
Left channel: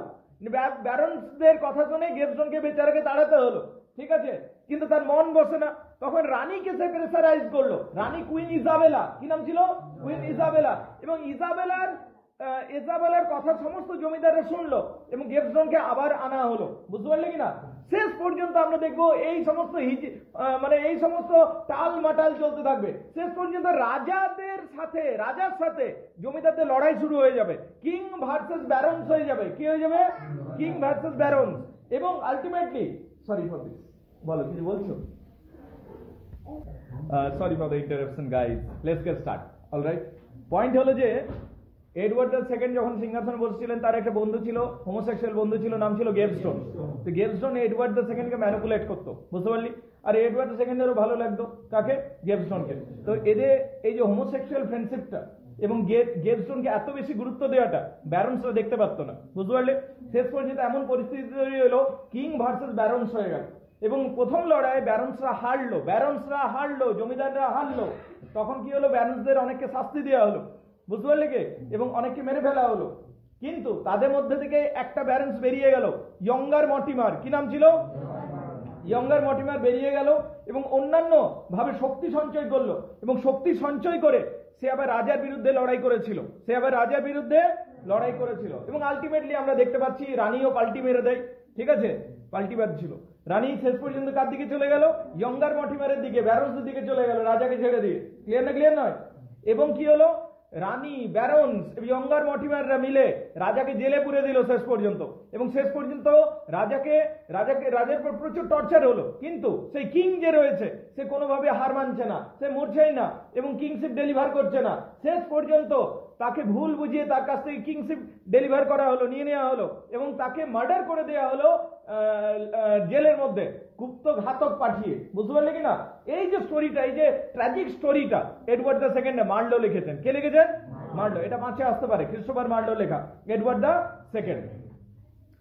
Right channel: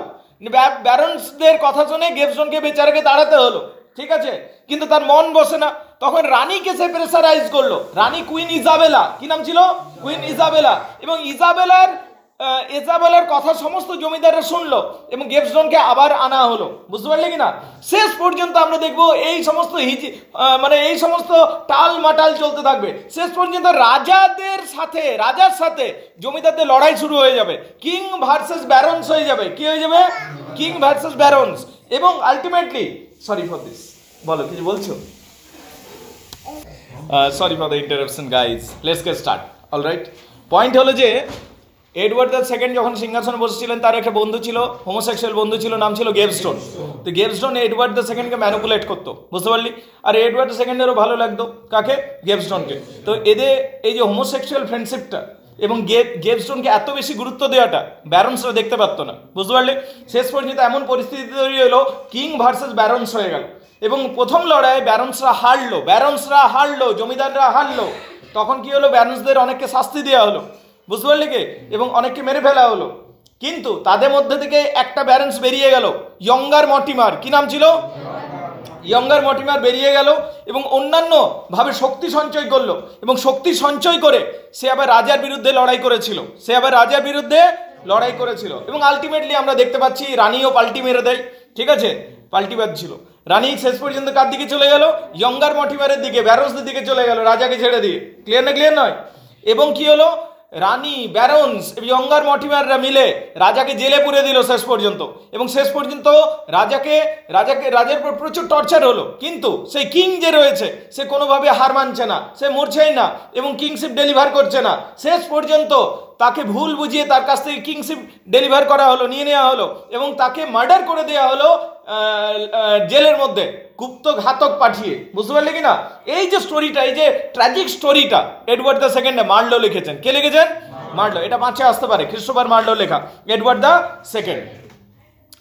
ব্যারন্সদের কথা শুনে গেভস্টোনকে বেচারাকে তাড়াতে হলো, ঠিক আছে, কিন্তু তার মন বসে না। তখন রানীকে সে প্রেসারাইজ করলো, রানী কুইন ইজাবেলা। কি নাম ছিল? Queen Isabella. এবং ইজাবেলার কথা সমস্ত জমিদাররা শুনলো এবং গেভস্টোনকে আবার আনা হলো, বুঝতে পারলে কিনা। শেষ পর্যন্ত আমরা দেখবো এই সমস্ত এই সমস্ত টাল মাটাল চলতে থাকবে। শেষ পর্যন্ত রাজার সাথে জমিদারদের লড়াই শুরু হয়ে যাবে, কিং ভার্সেস ব্যারন্স হয়ে যাবে। কি হয়ে যাবে? King versus barons. এবং আলটিমেটলি, সরি ফর দিস, বলো কিছু বলছো? Sorry for the interruption guys, let's get start. Alright, point হলো যে এডওয়ার্ড দ্য সেকেন্ড যখন সিংহাসনে বসেছিলেন, তার একটা বন্ধু ছিল, হোমোসেক্সুয়াল বন্ধু ছিল, নাম ছিল গেভস্টোন। তো গেভস্টোন এডওয়ার্ড দ্য সেকেন্ডকে ম্যানিপুলেট করতো, বুঝতে পারলি। আর এডওয়ার্ড দ্য সেকেন্ডেরও ভালো লাগতো কাকে? গেভস্টোনকে। তো এদের এই যে হোমোসেক্সুয়াল ফ্রেন্ডশিপটা এবং গেভস্টোনকে এত বেশি গুরুত্ব দেওয়াটা ব্যারন্সরা দেখতে পারতো না, বুঝতে পারলে। শেষ পর্যন্ত এমন পরিস্থিতি তৈরি হলো, কিং ভার্সেস ব্যারন্স হয়ে গেল এবং প্রথম লড়াইয়ে ব্যারন্সরা হারলো, জমিদাররা হারলো। তখন কি হলো, ব্যারন্সদের অনেককে শাস্তি দেওয়া হলো, বুঝতে পারলে কি, এবং অনেককে মেরে ফেলা হলো। কিন্তু তাদের মধ্যে থেকে একটা ব্যারন্স বেরিয়ে গেল, ইয়ঙ্গার মর্টিমার, কি নাম ছিল, ইয়ঙ্গার মর্টিমার বেরিয়ে গেল এবং অন্যান্য ভাবে শক্তি সঞ্চয় করলো, এবং শক্তি সঞ্চয় করে সে আবার রাজার বিরুদ্ধে লড়াই করেছিল, এবং আলটিমেটলি আমরা দেখতে পাচ্ছি রানীও পাল্টি মেরে দেয়, ঠিক আছে, পাল্টি বাজছিল। রানী শেষ পর্যন্ত কার দিকে চলে গেল, ইয়ঙ্গার মর্টিমারের দিকে, ব্যারন্সদের দিকে চলে গেল, রাজাকে ছেড়ে দিয়ে। ক্লিয়ার নয়? এবং কি হলো, রানী, ব্যারন্স, ইয়ঙ্গার মর্টিমাররা মিলে রাজাকে জেলে পুরে দিল শেষ পর্যন্ত, এবং শেষ পর্যন্ত রাজার উপর প্রচুর টর্চার হলো। কিন্তু সেই কিং যে রয়েছে সে কোনোভাবে হার মানছে না, সে মরছেই না এবং কিংশিপ ডেলিভার করছে না। শেষ পর্যন্ত তাকে ভুল বুঝিয়ে তার কাছ থেকে কিংশিপ ডেলিভার করা হলো, নিয়ে নেওয়া হলো, এবং তাকে মার্ডার করে দেওয়া হলো জেলের মধ্যে গুপ্ত ঘাতক পাঠিয়ে। বুঝতে পারলে কি না? এই যে স্টোরিটা, এই যে ট্র্যাজিক স্টোরিটা এডওয়ার্ড দ্য সেকেন্ড মার্লো লিখেছেন। কে লিখেছেন? মার্লো। এটা 5-এ আসতে পারে, ক্রিস্টোফার মার্লো লেখা, এডওয়ার্ড দ্য সেকেন্ড।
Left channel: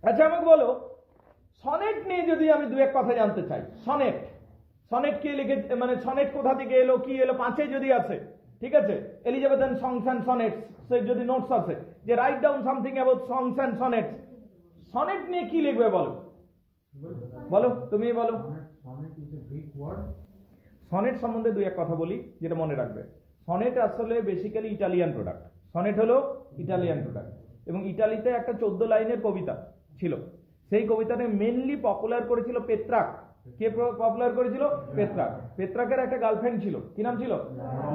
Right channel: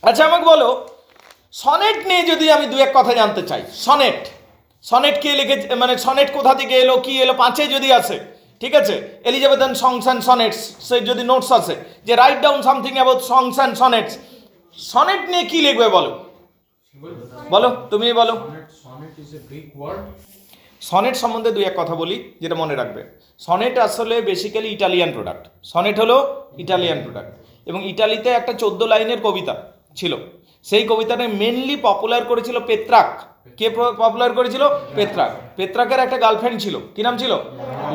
আচ্ছা আমাকে বলো, সনেট নিয়ে যদি আমি দু এক কথা জানতে চাই, সনেট কে লিখেছে, মানে সনেট কোথা থেকে এলো, কি এলো, 5-এ যদি আসে, ঠিক আছে, এলিজাবেথান সংস অ্যান্ড সনেটস, সে যদি নোটস আছে যে write down something about songs and sonnets, sonnet নিয়ে কি লিখবে বলো, তুমি বলো। সনেট সম্বন্ধে দুই এক কথা বলি, যেটা মনে রাখবে। সনেট আসলে বেসিক্যালি ইটালিয়ান প্রোডাক্ট। সনেট হলো ইটালিয়ান প্রোডাক্ট, এবং ইটালিতে একটা 14 লাইনের কবিতা ছিল। সেই কবিতাটা মেনলি পপুলার করেছিল পেত্রাক। কে পপুলার করেছিল? পেত্রাকের একটা গার্লফ্রেন্ড ছিল, কি নাম ছিল?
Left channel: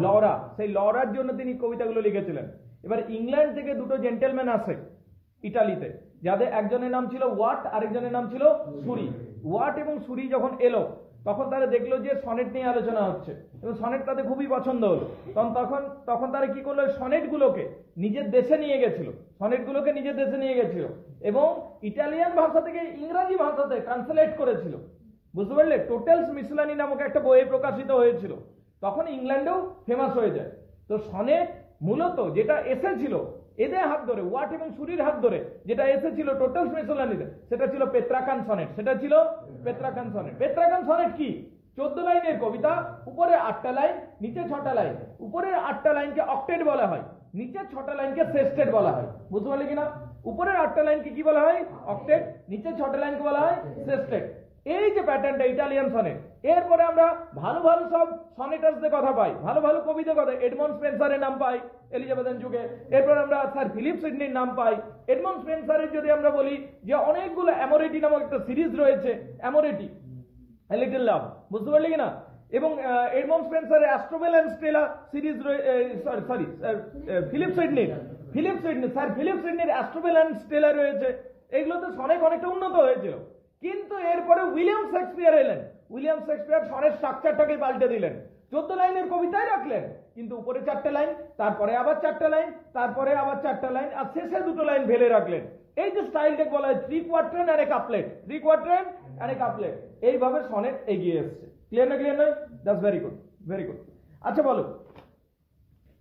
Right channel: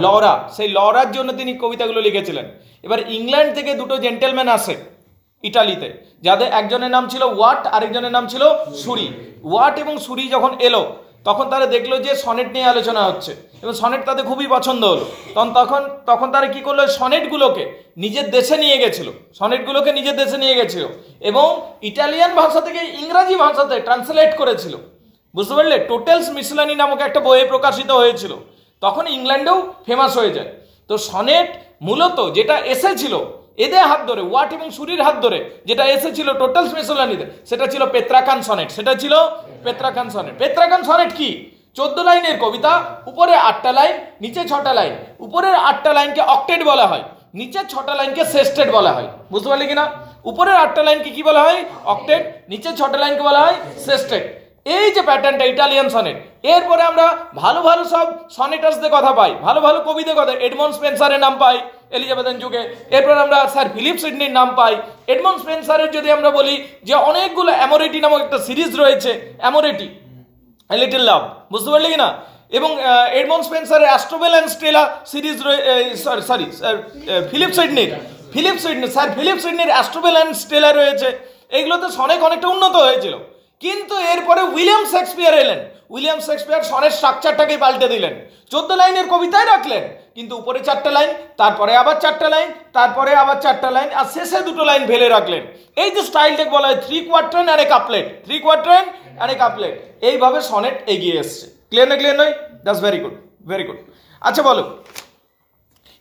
লরা। সেই লরার জন্য তিনি কবিতাগুলো লিখেছিলেন। এবার ইংল্যান্ড থেকে দুটো জেন্টেলম্যান আসে ইটালিতে, যাদের একজনের নাম ছিল ওয়াট, আরেকজনের নাম ছিল সুরি। ওয়াট এবং সুরি যখন এলো তখন তারা দেখলো যে সনেট নিয়ে আলোচনা হচ্ছে, এবং সনেট তাদের খুবই পছন্দ হলো। তখন তারা কি করলো, সনেটগুলোকে নিজের দেশে নিয়ে গেছিল, এবং ইটালিয়ান ভাষা থেকে ইংরাজি ভাষাতে ট্রান্সলেট করেছিল। বুঝতে পারলে? টোটেলস মিসলানি নামক একটা বইয়ে প্রকাশিত হয়েছিল। তখন ইংল্যান্ডেও ফেমাস হয়ে যায়। তো সনেট মূলত যেটা এসেছিল এদের হাত ধরে, ওয়াট এবং সুরির হাত ধরে যেটা এসেছিল টোটালস মিসলানিতে, সেটা ছিল পেত্রাকান সনেট। পেত্রাকান সনেট কি? 14 লাইনের কবিতা, উপরে 8টা লাইন, নিচে 6টা লাইন। উপরের 8টা লাইনকে অক্টেট বলা হয়, নিচের 6টা লাইনকে সেস্টেট বলা হয়। বুঝতে পারলে কিনা? উপরের 8টা লাইনকে কি বলা হয়? অক্টেট। নিচের 6টা লাইনকে বলা হয় সেস্টেট। এই যে প্যাটার্নটা ইটালিয়ান সনেট। এরপরে আমরা ভালো ভালো সব সনেটার্সদের কথা পাই, ভালো ভালো কবিদের কথা। এডমন্ড স্পেন্সারের নাম পাই এলিজাবেথান যুগে। এরপর আমরা স্যার ফিলিপ সিডনির নাম পাই। এডমন্ড স্পেন্সারের যদি আমরা বলি যে অনেকগুলো অ্যামোরেটি নামক একটা সিরিজ রয়েছে, অ্যামোরেটি, এ লিটল লাভ। বুঝতে পারলে কিনা? এবং এডমন্ড স্পেন্সারের Astrophel and Stella series, Philip সিডনির অ্যাস্ট্রোবেল অ্যান্ড স্টেলা রয়েছে। এইগুলোতে সনেট অনেকটা উন্নত হয়েছিল। কিন্তু এরপরে উইলিয়াম শেক্সপিয়ার এলেন। উইলিয়াম শেক্সপিয়ার সনের স্ট্রাকচারটাকে পাল্টে দিলেন। 14 লাইনের কবিতায় রাখলেন, কিন্তু উপরে 4টা লাইন, তারপরে আবার 4টা লাইন, তারপরে আবার 4টা লাইন, আর শেষে 2টো লাইন ফেলে রাখলেন। এই যে স্টাইলটাকে বলা হয় 3 কোয়ার্টার আর এ কাপলেট। এইভাবে সনেট এগিয়ে এসছে। ক্লিয়ার নয়? That's very good. আচ্ছা বলো,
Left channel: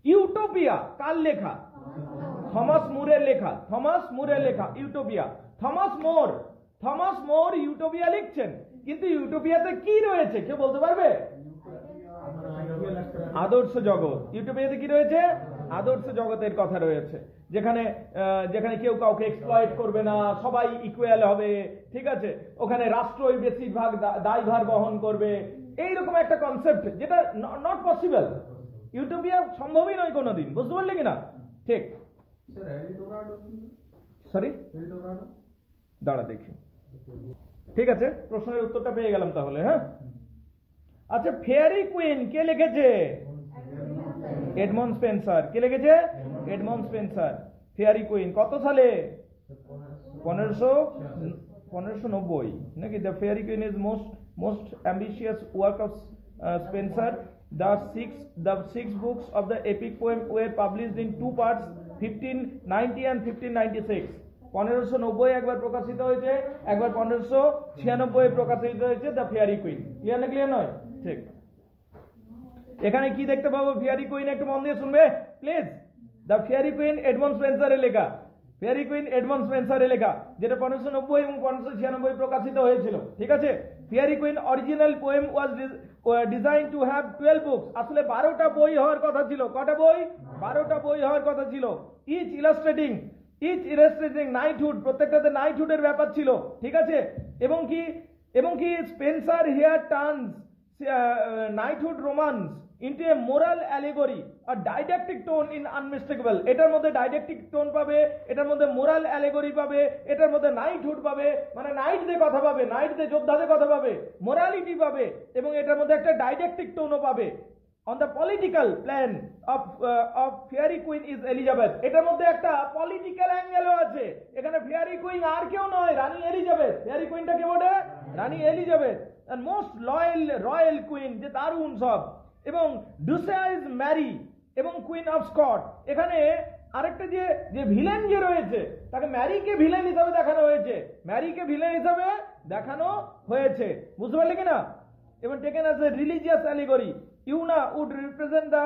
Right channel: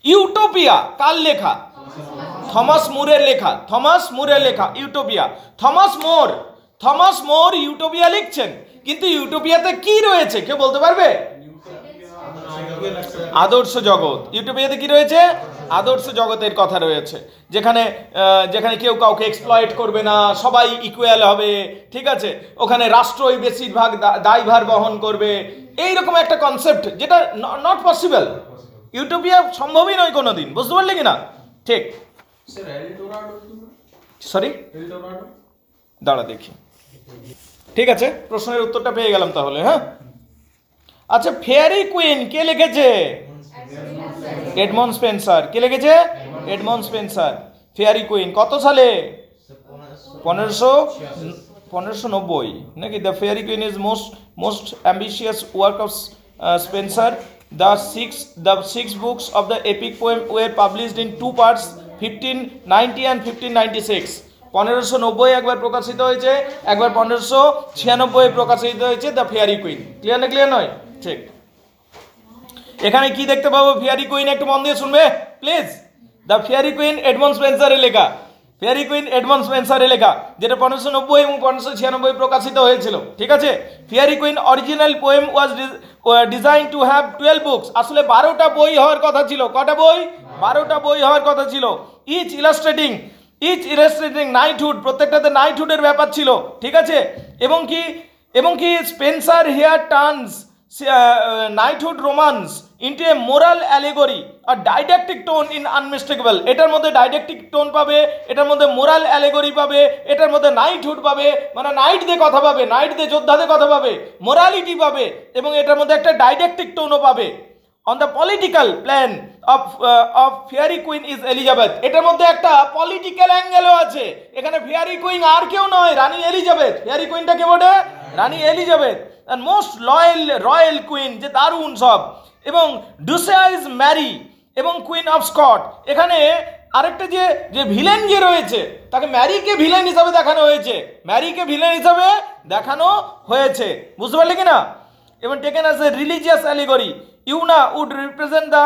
ইউটোপিয়া কার লেখা? থমাস মুরের লেখা ইউটোপিয়া। থমাস মোর ইউটোপিয়া লিখছেন, কিন্তু ইউটোপিয়াতে কি রয়েছে কেউ বলতে পারবে? আদর্শ জগৎ। ইউটোপিয়াতে কি রয়েছে? আদর্শ জগতের কথা রয়েছে, যেখানে কেউ কাউকে এক্সপ্লয়েট করবে না, সবাই ইকুয়াল হবে, ঠিক আছে, ওখানে রাষ্ট্রই বেশিরভাগ দায়ভার বহন করবে। এইরকম একটা কনসেপ্ট, যেটা নট পসিবল। ইউটোপিয়া সম্ভবই নয় কোনোদিন। বুঝতে পারলে কিনা? ঠিক। সরি, দাঁড়া দেখি। ঠিক আছে, প্রশ্নের উত্তরটা পেয়ে গেলাম তাহলে। হ্যাঁ, আচ্ছা, ফেয়ারি কুইন কে লিখেছে? Edmund Spencer. কে লিখেছে? Edmund Spencer. ফেয়ারি কুইন কত সালে? 1590 নাকি? The Faerie queen is most ambitious work of Spencer. The six books of the epic poem were published in 2 parts, 1590 and 1596. 1590 একবার প্রকাশিত হয়েছে, একবার 1596 প্রকাশিত হয়েছে দ্য ফেয়ারি কুইন। ক্লিয়ার নয়? ঠিক। এখানে কি দেখতে পাবো? ফেয়ারি কুইন, একটু মন দিয়ে শুনবে please. The Faerie Queene Edmund স্পেন্সারের লেখা। ফেয়ারি কুইন এডমন্ড স্পেন্সারের লেখা, যেটা 1590 এবং 1596 প্রকাশিত হয়েছিল। ঠিক আছে, fairy queen original poem was design to have 12 books. আসলে 12টা বই হওয়ার কথা ছিল। কটা বই? 12টা বই হওয়ার কথা ছিল। ইচ ইলাস্ট্রেটিং নাইটহুড, প্রত্যেকটাতে নাইটহুডের ব্যাপার ছিল। ঠিক আছে, এবং কি Spenser here turns knighthood romance into a moral allegory or didactic tone in unmistakable. এটার মধ্যে ডাইডাক্টিক টোন পাবে, এটার মধ্যে মোরাল অ্যালেগরি পাবে, এটার মধ্যে নাইটহুড পাবে, মানে নাইটদের কথা পাবে, নাইটদের যোদ্ধাদের কথা পাবে, মোরালিটি পাবে, এবং এটার মধ্যে একটা ডাইডাক্টিক টোনও পাবে। On the political plan of fairy queen is Elizabeth, এটার মধ্যে একটা পলিটিক্যাল অ্যাঙ্গেলও আছে। এখানে ফেয়ারি কুইন আর কেউ নয়, রানী এলিজাবেথ। ফেয়ারি কুইনটা কে বলে? রানী Elizabeth. and most royal queen, যে দারুণ সব। এবং ডুসিয়া ইজ ম্যারি এবং কুইন অফ স্কট। এখানে আরেকটা যে ভিলেন যে রয়েছে, তাকে ম্যারিকে ভিলেন হিসাবে দেখানো হয়েছে, ম্যারিকে ভিলেন হিসাবে দেখানো হয়েছে, বুঝতে পারলে কিনা? এবং taken as a religious allegory, Una would represent the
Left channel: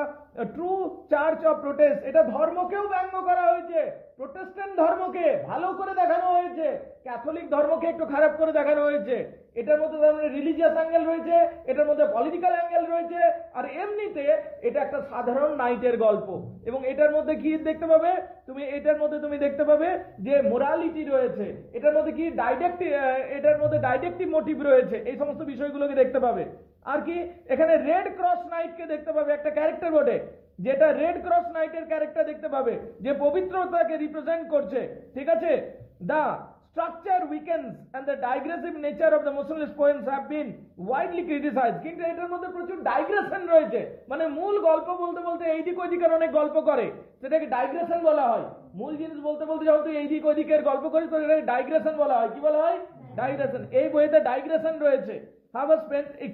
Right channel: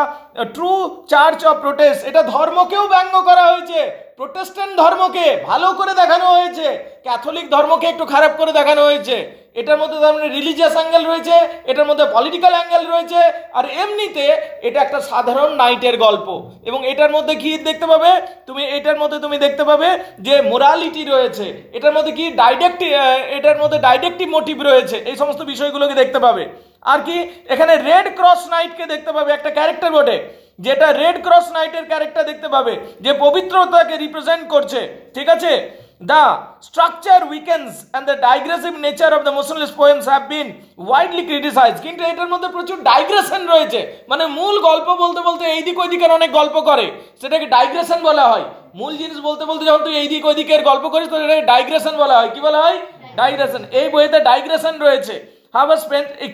true church of protest. এটা ধর্মকেও ব্যঙ্গ করা হয়েছে, প্রোটেস্ট্যান্ট ধর্মকে ভালো করে দেখানো হয়েছে, ক্যাথলিক ধর্মকে একটু খারাপ করে দেখানো হয়েছে। এটার মধ্যে তার মানে রিলিজিয়াস অ্যাঙ্গেল রয়েছে, এটার মধ্যে পলিটিক্যাল অ্যাঙ্গেল রয়েছে, আর এমনিতে এটা একটা সাধারণ নাইটের গল্প। এবং এটার মধ্যে কি দেখতে পাবে তুমি? এটার মধ্যে তুমি দেখতে পাবে যে মোরালিটি রয়েছে, এটার মধ্যে কি এটার মধ্যে ডাইডাক্টিভ মোটিভ রয়েছে, এই সমস্ত বিষয়গুলোকে দেখতে পাবে। আর কি এখানে রেড ক্রস নাইটকে দেখতে পাবে, একটা ক্যারেক্টার বটে, যেটা রেড ক্রস নাইটের ক্যারেক্টার দেখতে পাবে, যে পবিত্রতাকে রিপ্রেজেন্ট করছে। ঠিক আছে, the structure weakens and the digressive nature of the motionless poems have been widely criticised. কিন্তু এটার মধ্যে প্রচুর ডাইগ্রেশন রয়েছে, মানে মূল গল্প বলতে বলতে এইদিক ওইদিকের অনেক গল্প করে, সেটাকে ডাইগ্রেশন বলা হয়। মূল জিনিস বলতে বলতে যখন তুই এইদিক ওইদিকের গল্প করিস তো এটাকে ডাইগ্রেশন বলা হয়। কি বলা হয়? ডাইগ্রেশন। এই বইতে ডাইগ্রেশন রয়েছে।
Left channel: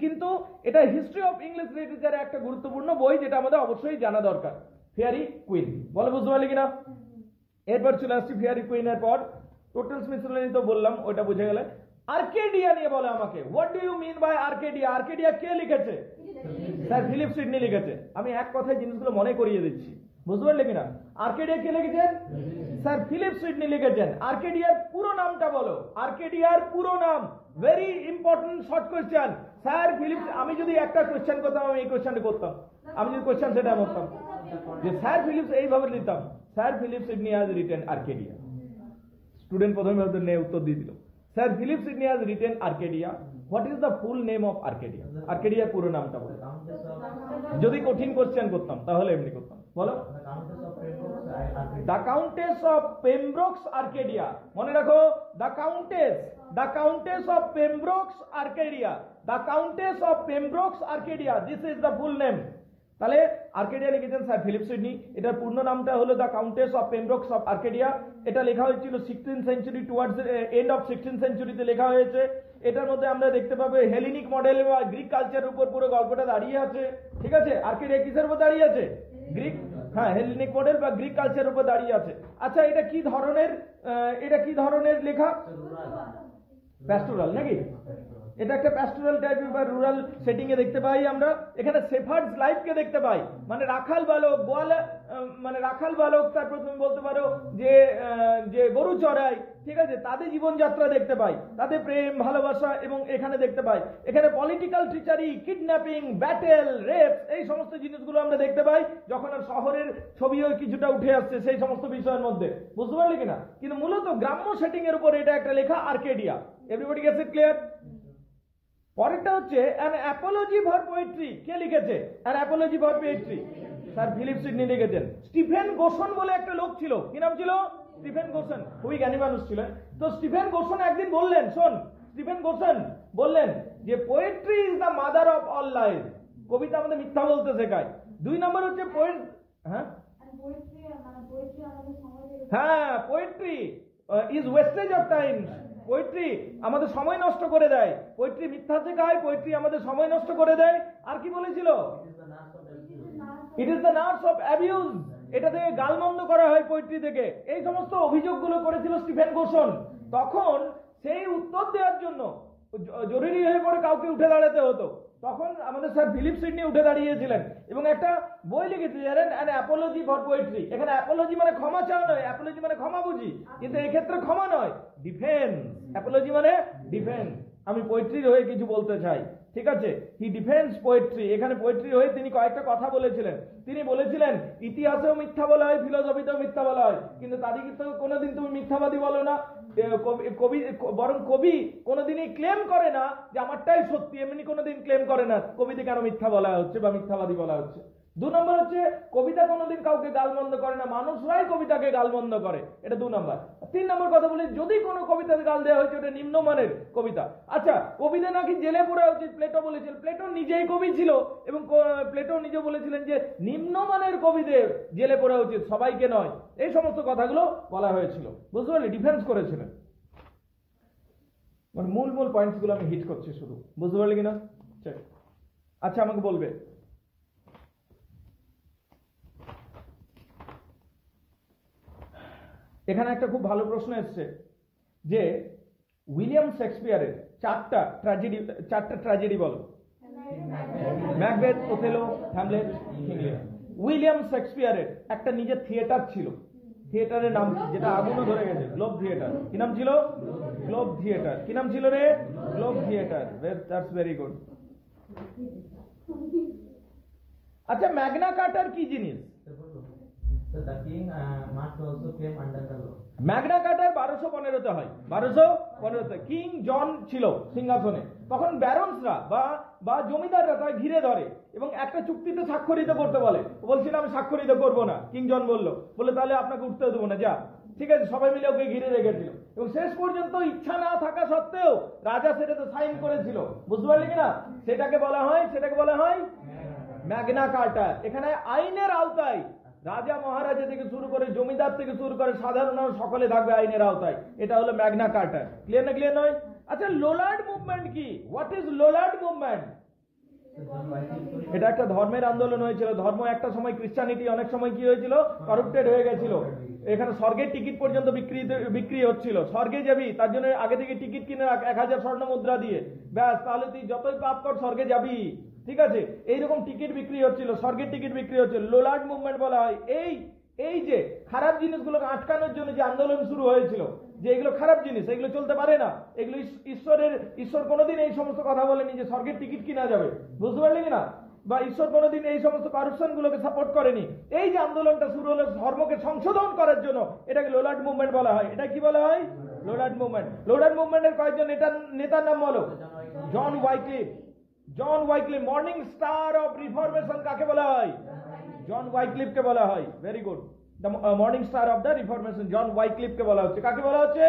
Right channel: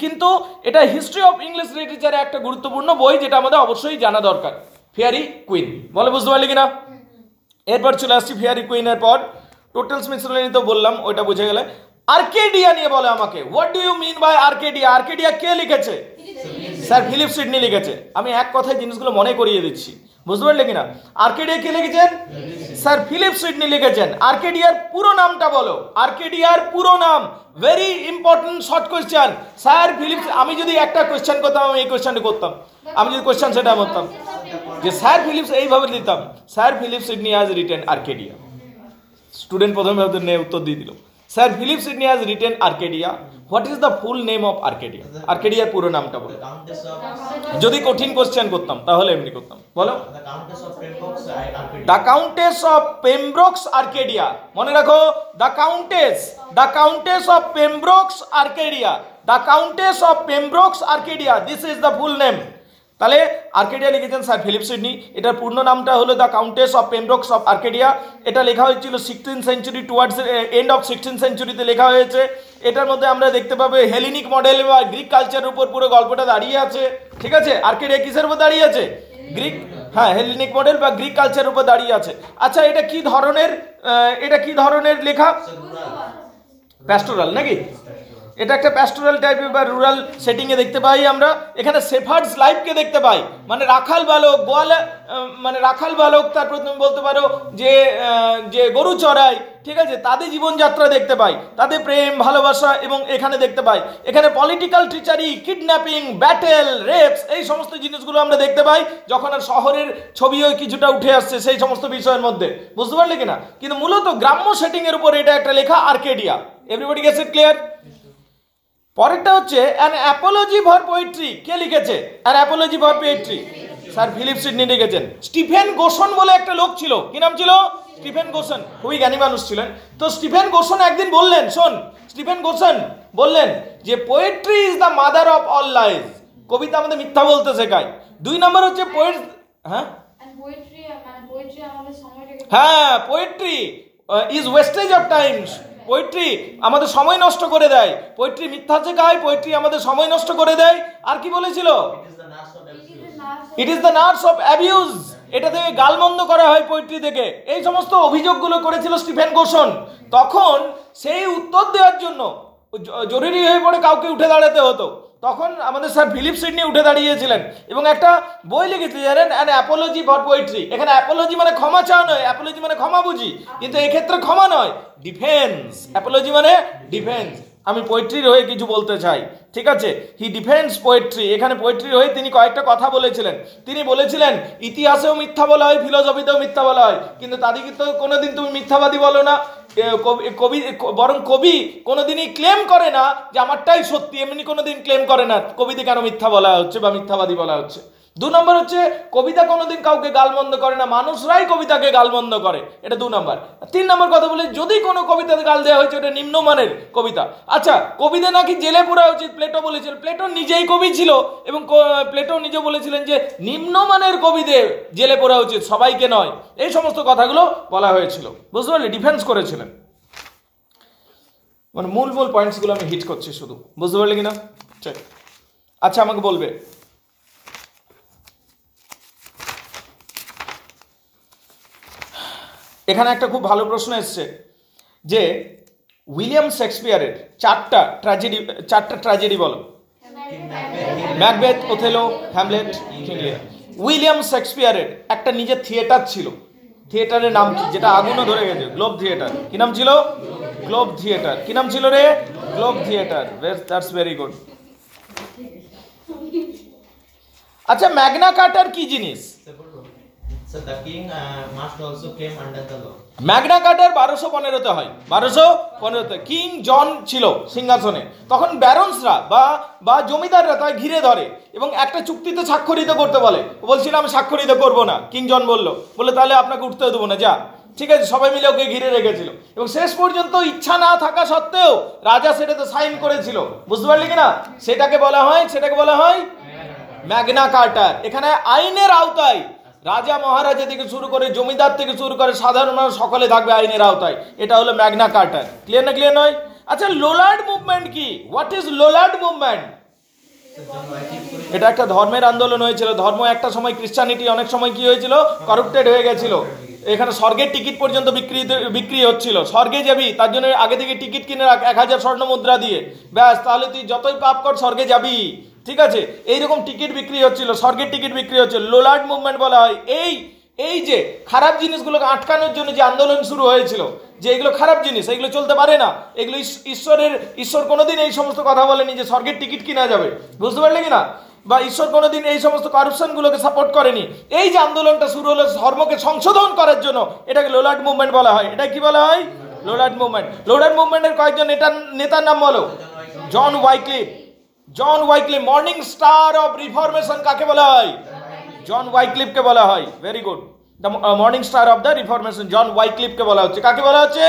কিন্তু এটা হিস্ট্রি অফ ইংলিশ লিটারেচারে একটা গুরুত্বপূর্ণ বই, যেটা আমাদের অবশ্যই জানা দরকার। ফেয়ারি কুইন বলে, বুঝতে পারলি কিনা? এরপর চলে আসছি ফেয়ারি কুইনের পর টোটাল মিসলেনি তো বললাম, ওইটা বুঝে গেলে। আর্কেডিয়া নিয়ে বলে আমাকে, what do you mean by Arcadia? Arcadia কে লিখেছে? স্যার ফিলিপ সিডনি লিখেছে। আমি এক কথায় জিনিসগুলো মনে করিয়ে দিচ্ছি, বুঝতে পারলে কিনা? আর্কেডিয়া কে লিখেছেন? স্যার ফিলিপ সিডনি লিখেছেন। আর্কেডিয়ার পুরো নামটা বলো, আর্কেডিয়ার পুরো নাম। Very important short question. Sir Philip, আমি যদি একটা কোয়েশ্চেন করতাম, আমি এই কোয়েশ্চেনটা করতাম, আমি যদি কোয়েশ্চেন সেটা করতাম যে স্যার ফিলিপস, এইভাবে দিতাম, sir Philip Sidney has written Arcadia. Student প্রথমে উত্তর দিয়ে দিল, sir Philip Sidney has written Arcadia. What is the full name of Arcadia? আর্কেডিয়ার পুরো নামটা বলো। যদি কঠিন কোশ্চেন করতাম তাহলে এমনি করতাম, বলো। The Countess of Pembroke's Arcadia. মনে রাখো, the Countess of Pembroke's Arcadia, the Countess of Pembroke's Arcadia, this is the full name. তাহলে আর্কেডিয়া লিখেছেন স্যার ফিলিপ সিডনি। এটার পূর্ণ নামটা হলো the Countess of Pembroke's of Arcadia. এটা লেখা হয়েছিল 16th century, towards end of 16th সেঞ্চুরিতে লেখা হয়েছে। এটার মধ্যে আমরা দেখতে পাবো হেলেনিক মডেল বা গ্রিক কালচারের উপর পুরো গল্পটা দাঁড়িয়ে আছে। ঠিক আছে, আর্কেডিয়া কিসের উপর দাঁড়িয়ে আছে? গ্রিক, হ্যাঁ, হেলেনিক মডেল বা গ্রিক কালচারের উপর দাঁড়িয়ে আছে। আচ্ছা, এটা কি ধরনের লেখা? প্যাস্টোরাল নাকি? এটা একটা প্যাস্টোরাল টাইপের বা রুরাল সেটিংয়ে দেখতে পাই আমরা। এখানে শেফার্ডস লাইফকে দেখতে পাই, মানে রাখাল বালক, তারপর তুমি বলতে পারো যে গরু চড়াই। ঠিক আছে, তাদের জীবনযাত্রা দেখতে পাই, তাদের প্রেম ভালোবাসা, এবং এখানে দেখতে পাই এখানে পলিটিক্যাল ট্রিচারি, কিডন্যাপিং, ব্যাটেল, রেপস, এই সমস্ত জিনিসগুলো আমরা দেখতে পাই, যখন আর শহরের ছবিও কিছুটা উঠে আসছে সেই সমস্ত বিষয়ের মধ্যে, বুঝতে পারলে কিনা? কিন্তু মূলত গ্রাম্য সেটিং এর উপর এটা একটা লেখা Arcadia. Everybody gets it clear? পরেরটা হচ্ছে অ্যান অ্যাপোলজি ফর পোয়েট্রি। কে লিখেছে An Apology for Poetry? Sir Philip Sidney লিখেছেন। স্টিফেন গোসন বলে একটা লোক ছিল, কি নাম ছিল? স্টিফেন গোসন, খুবই জ্ঞানী মানুষ ছিলেন। তো স্টিফেন গোসন একদিন বললেন, স্টিফেন গোসন বললেন যে poetry is the mother of all lies. কবিতা আমাদের মিথ্যা বলতে শেখায়। 2 নম্বর হচ্ছে poetry is wastage of times. Poetry আমাদের সময় নষ্ট করে দেয়, পোয়েট্রি মিথ্যা শেখায়, পোয়েট্রি আমাদের সময় নষ্ট করে দেয়। আর কি বলেছিল? It is the nurse of abuse. এটা থেকে গালমন্দ করা হয় পোয়েট্রি থেকে। এই সমস্ত অভিযোগগুলো করেছিল স্টিফেন গোসন। তখন সেই উত্তর দেওয়ার জন্য জরুরি হয়ে পড়ে কাউকে উঠে দাঁড়াতে হতো। তখন আমাদের স্যার ফিলিপ সিডনি উঠে দাঁড়িয়েছিলেন এবং একটা বই লিখেছে জানেন, অ্যান অ্যাপোলজি ফর পোয়েট্রি। এখানে অ্যাপোলজি মানে ক্ষমা চাওয়া নয়, অ্যাপোলজি মানে ক্ষমা বুঝি, কিন্তু এক্ষেত্রে ক্ষমা নয়, ডিফেন্স। অ্যাপোলজি মানে ডিফেন্স। আমি পোয়েট্রির হয়ে কিছু বলতে চাই, ঠিক আছে? হি ডিফেন্স পোয়েট্রি। এখানে পোয়েট্রির হয়ে তিনি কয়েকটা কথা বলেছিলেন। তিনি বলেছিলেন ইতিহাসেও মিথ্যা বলা হয়, ফিলোসফিতেও মিথ্যা বলা হয়, কিন্তু তাদেরকে তো কোনোদিন তুমি মিথ্যাবাদী বলো না। কবি বরং কবি কোনোদিনই ক্লেম করে না যে আমারটাই সত্যি, এমনি কোনোদিন ক্লেম করে না কবিতে কেন মিথ্যা বলা হচ্ছে বা মিথ্যাবাদী বলা হচ্ছে। 2 নম্বর হচ্ছে কবিতা কোনোদিন কাউকে গালমন্দ করে না, মানুষরাই কবিতাকে গালমন্দ করে, এটা 2 নম্বর। 3 নম্বর কথা বলি, যদি কোনো কবিতাতে গাল দেওয়া হয়েছে ওটা নিম্নমানের কবিতা। আচ্ছা, কবিতা নাকি জেলে পোড়া উচিত, প্লেটো বলেছিলেন। প্লেটো নিজেই কবি ছিল এবং প্লেটো নিজে বলেছিলেন যে নিম্নমানের কবিদের জেলে পোড়া উচিত, সবাইকে নয়। এই সমস্ত কথাগুলো বলা হয়েছিল, বুঝতে পারলে? ডিফেন্স করেছিলেন। মানে মূল পয়েন্টসগুলো আমি হিট করছি শুধু, বুঝতে পারলে কিনা? ঠিক। আচ্ছা, আমাকে বলবে এখানে একটা খুব ভালো প্রশ্ন এসছে যে উইলিয়াম শেক্সপিয়ারের 4টা ট্র্যাজেডি বলো। ম্যাকবেথ, ওথেলো, হ্যামলেট, কিং লিয়ার। উইলিয়াম শেক্সপিয়ারের একটা নিজের থিয়েটার ছিল। থিয়েটারের নাম কি? যেটা আগুনও ধরে গেছে, গ্লোব থিয়েটার। কি নাম ছিল? Globe theatre. কি নাম ছিল রে? Globe theatre. That's very good. আচ্ছা, ম্যাগনা কার্টার কি জিনিস? So the king must also came under the law. Magna Carta 1215-তে হয়। 1215-তে কিং জন ছিল সিংহাসনে। তখন ব্যারন্সরা বা জমিদাররা তাই ঘিরে ধরে এবং একটা চুক্তিতে স্বাক্ষরিত করতে বলে। বলছিল আমি স্বাক্ষরিত করব না। কিং জন বলে তাহলে আপনাকে উঠতে দেবো না, যা। ঠিক আছে, সবাই মিলে ওকে ঘিরে রেখেছিল এবং শেষ পর্যন্ত ইচ্ছা না থাকা সত্ত্বেও রাজা সেটাতে সাইন করেছিল, বুঝতে পারলি কিনা? সেটাকে বলা হয় ম্যাগনা কার্টার। এখানে আইনের আওতায় রাজা মহারাজা থেকে শুরু করে জমিদার থেকে শুরু করে সাধারণ মানুষ সকলে থাকবে আইনের আওতায়। এটা হলো ম্যাগনা কার্টার। ক্লিয়ার না? ক্লিয়ার নয়? আচ্ছা, লোলার্ড মুভমেন্ট কি? What is Lollard movement? এটা একটা ধর্মের আন্দোলন হয়েছিল। ধর্ম একটা সময়, ক্রিশ্চানিটি অনেক সময় কি হয়েছিল? করাপ্টেড হয়ে গেছিল। এখানে স্বর্গের টিকিট পর্যন্ত বিক্রি হচ্ছিল। স্বর্গে যাবি তার জন্য আগে থেকে টিকিট কিনে রাখ 1000 স্বর্ণ মুদ্রা দিয়ে, ব্যাস, তাহলে তুই যতই পাপ কর স্বর্গে যাবি। ঠিক আছে, এইরকম টিকিট বিক্রি হচ্ছিল, স্বর্গের টিকিট বিক্রি হচ্ছিল। লোলার্ড মুভমেন্ট বলা হয় এই যে খারাপ জিনিসগুলোকে আটকানোর জন্য যে আন্দোলন শুরু হয়েছিল, যে এগুলো খারাপ জিনিস, এগুলো চলতে পারে না, এগুলো ঈশ্বর কোনোদিন এই সমস্ত কথা বলেনি যে স্বর্গের টিকিট কিনা যাবে, বুঝতে পারলে কিনা? বা ঈশ্বর কোনোদিন এই সমস্ত কারাপশনগুলোকে সাপোর্ট করেনি। এই যে আন্দোলনটা শুরু হলো ধর্মকে সংশোধন করার জন্য, এটাকে লোলার্ড মুভমেন্ট বলা হয়। এটা কি বলা হয়? লোলার্ড মুভমেন্ট। লোলার্ড মুভমেন্টের কয়েকজন নেতার নাম বলো। John Wycliffe. Morning star of reformation কাকে বলা হয়? জন ওয়াইক্লিফকে বলা হয়। Very good. The morning star of the reformation John ওয়াইক্লিফকে বলা হচ্ছে। কাকে বলা হচ্ছে?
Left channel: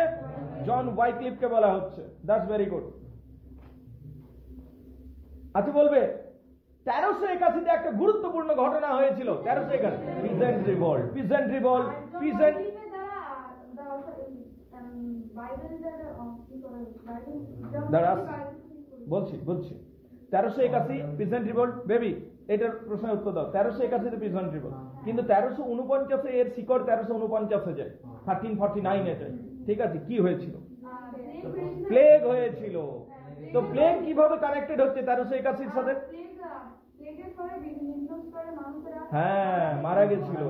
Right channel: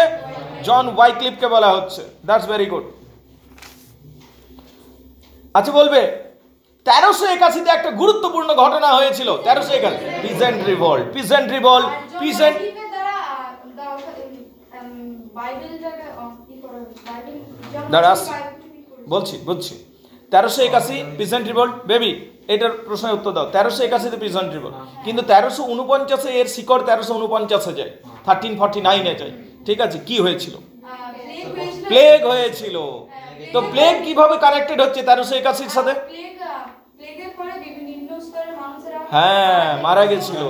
জন ওয়াইক্লিফকে বলা হচ্ছে। That's very good. আচ্ছা, বলবে 1381-তে একটা গুরুত্বপূর্ণ ঘটনা হয়েছিল। 1381 পিজেন্ট রিভল্ট। বলছি 1381 পিজেন্ট রিভল্ট। বেবি, এটার প্রশ্নের উত্তর দাও। 1381-তে পিজেন্ট রিভল্ট, কিন্তু 1349 এর শিকড় 1349-এ যায়, 1349-এ যায়। ঠিক আছে, কি হয়েছিল? প্লেগ হয়েছিল। তো প্লেগ কিভাবে কানেক্টেড হচ্ছে 1381-র সাথে? হ্যাঁ, মারা গেছিল।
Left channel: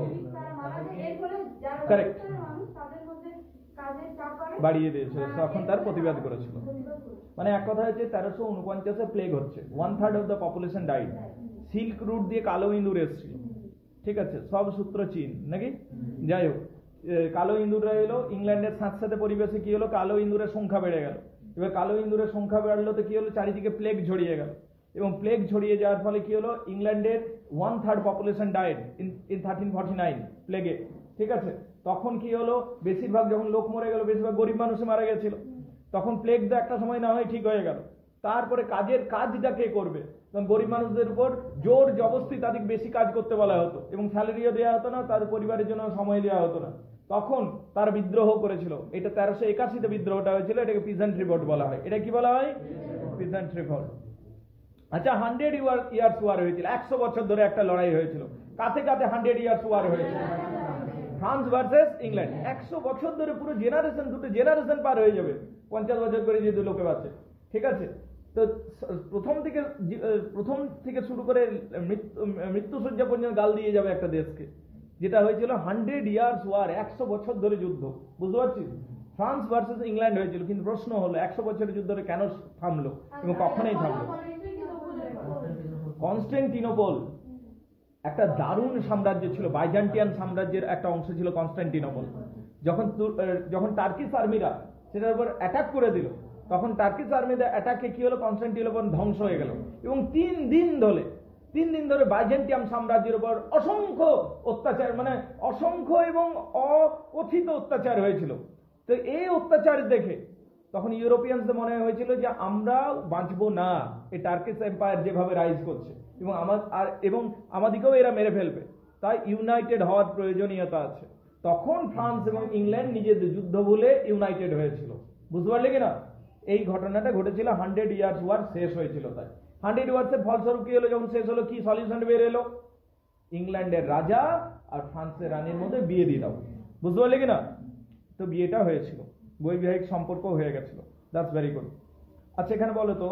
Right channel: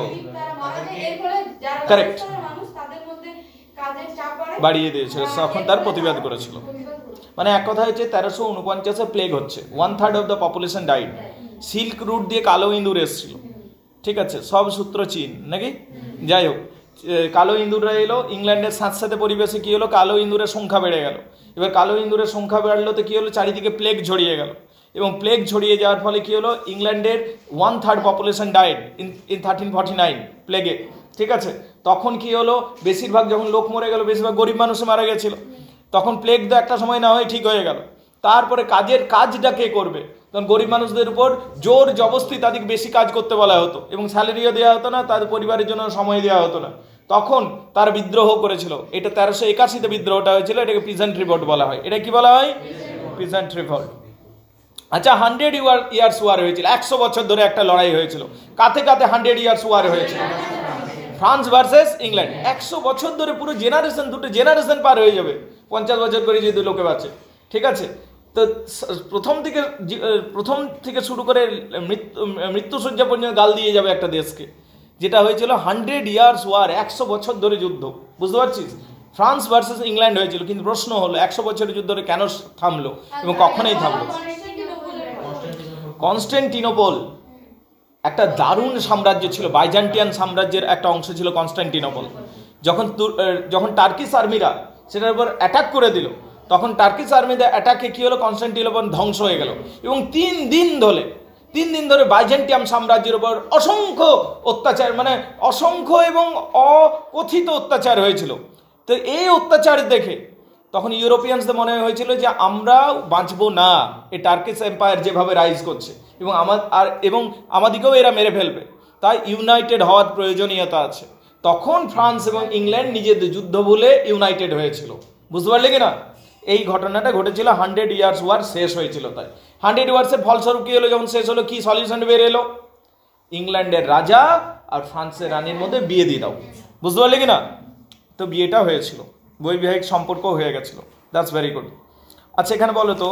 কারেক্ট, বাড়িয়ে দিয়েছিল, তখন তার প্রতিবাদ করেছিল। মানে এক কথা হচ্ছে 1349-এ প্লেগ হচ্ছে, 1/3 of the population died. Silk route দিয়ে কালো ইঁদুর এসেছিল। ঠিক আছে, সব সূত্র চীন নাকি? যাই হোক, কালো ইঁদুররা এলো ইংল্যান্ডের সাথে পরিবেশে কি হলো? কালো ইঁদুরের সংখ্যা বেড়ে গেল। এবার কালো ইঁদুরের সংখ্যা বাড়লো তো কি হলো? চারিদিকে প্লেগ ছড়িয়ে গেল এবং প্লেগ ছড়িয়ে যাওয়ার ফলে কি হলো? ইংল্যান্ডের 1/3 পপুলেশন ডাইড ইন 1349 প্লেগে। ঠিক আছে, তখন কি হলো? বেশিরভাগ যখন লোক মরে গেল, বেশিরভাগ গরিব মানুষ মারা গেছিল। তখন প্লেগ তো একটা সময় না হয়ে ঠিক হয়ে গেল। তারপরে কাজটা কে করবে? তখন গরিব মানুষদের উপর জোর জবরদস্তি তাদেরকে বেশি কাজ করতে বলা হতো এবং স্যালারিও দেওয়া হতো না, তাদের পরিবারের জন্য সময় দেওয়া হতো না। তখন তারা বিদ্রোহ করেছিল। এটা 1381-তে বিদ্রোহটা হয়েছিল। এটাকে পিজেন্ট রিভল্ট বলা হয়। এটা কি বলা হয়? Peasant revolt. আচ্ছা, 100 ইয়ার্স ওয়ার হয়েছিল। 100 বছর ধরে একটা লড়াই হয়েছিল। কাতে 100 ইয়ার্স ওয়ার হয়েছিল? France versus England. 100 বছর ধরে পুরো জেনারেশন, দুটো জেনারেশন পার হয়ে যাবে, 50 বছর করে যদি লোকে বাঁচে। ঠিক আছে, তো প্রথম থেকে শুরু করে মৃত্যুসজ্জা পর্যন্ত গাল দিয়ে যাবে একটা দেশকে, যেটা হয়েছিল 100 ইয়ার্স ওয়ার, 100 বছর ধরে যুদ্ধ। বুঝতে পারছিস? ফ্রান্স ভার্সেস ইংল্যান্ড হয়েছিল, কিন্তু প্রশ্ন হলো 100 বছরের যুদ্ধ ধরে কেন থামলো এবং কখনোই থামলো? কনস্টান্টিনোপল একটা দারুণ সাম্রাজ্য ছিল, বাইজান্টিয়ান সাম্রাজ্যের একটা অংশ ছিল কনস্টান্টিনোপল। যখন টার্কিশ আর্মিরা সেটার উপর অ্যাটাক করে দিল, তখন টার্কিশ আর্মিদের অ্যাটাকে কি হলো, কনস্টান্টিনোপল ধ্বংস হয়ে গেল। এবং 3 দিন ধরে বাইজেন্টিয়াম সাম্রাজ্যের উপর অসংখ্য অত্যাচার, মানে অসংখ্য এবং অকথিত অত্যাচার হয়েছিল। তো এই অত্যাচার দেখে তখন ইউরোপিয়ানসদের মনে হয়েছিল যে আমরা বাঁচবো না, এই টার্কিশ এম্পায়ার যেভাবে রাইজ করছে এবং আমাদেরকেও এরা মেরে ফেলবে, তাই ইউনাইটেড হওয়ার প্রয়োজনীয়তা আছে। তখন ফ্রান্স এবং ইংল্যান্ড নিজেদের যুদ্ধ ভুলে ইউনাইটেড হয়েছিল। বুঝতে পারলে কি না? এই ঘটনাটা ঘটেছিল, 100 ইয়ার্স ওয়ার শেষ হয়েছিল। তাই 100 ইয়ার্সের ফলস্বরূপ কি হলো, যখন শেষ হলো কি সলিউশন বের এলো? ইংল্যান্ডের রাজা আর ফ্রান্সের রানীর মধ্যে বিয়ে দিয়ে দাও। বুঝতে পারলে কি না? তো বিয়েটা হয়েছিল, বৈবাহিক সম্পর্ক হয়ে গেছিল। That's very good. আচ্ছা, এখানে বলো তো,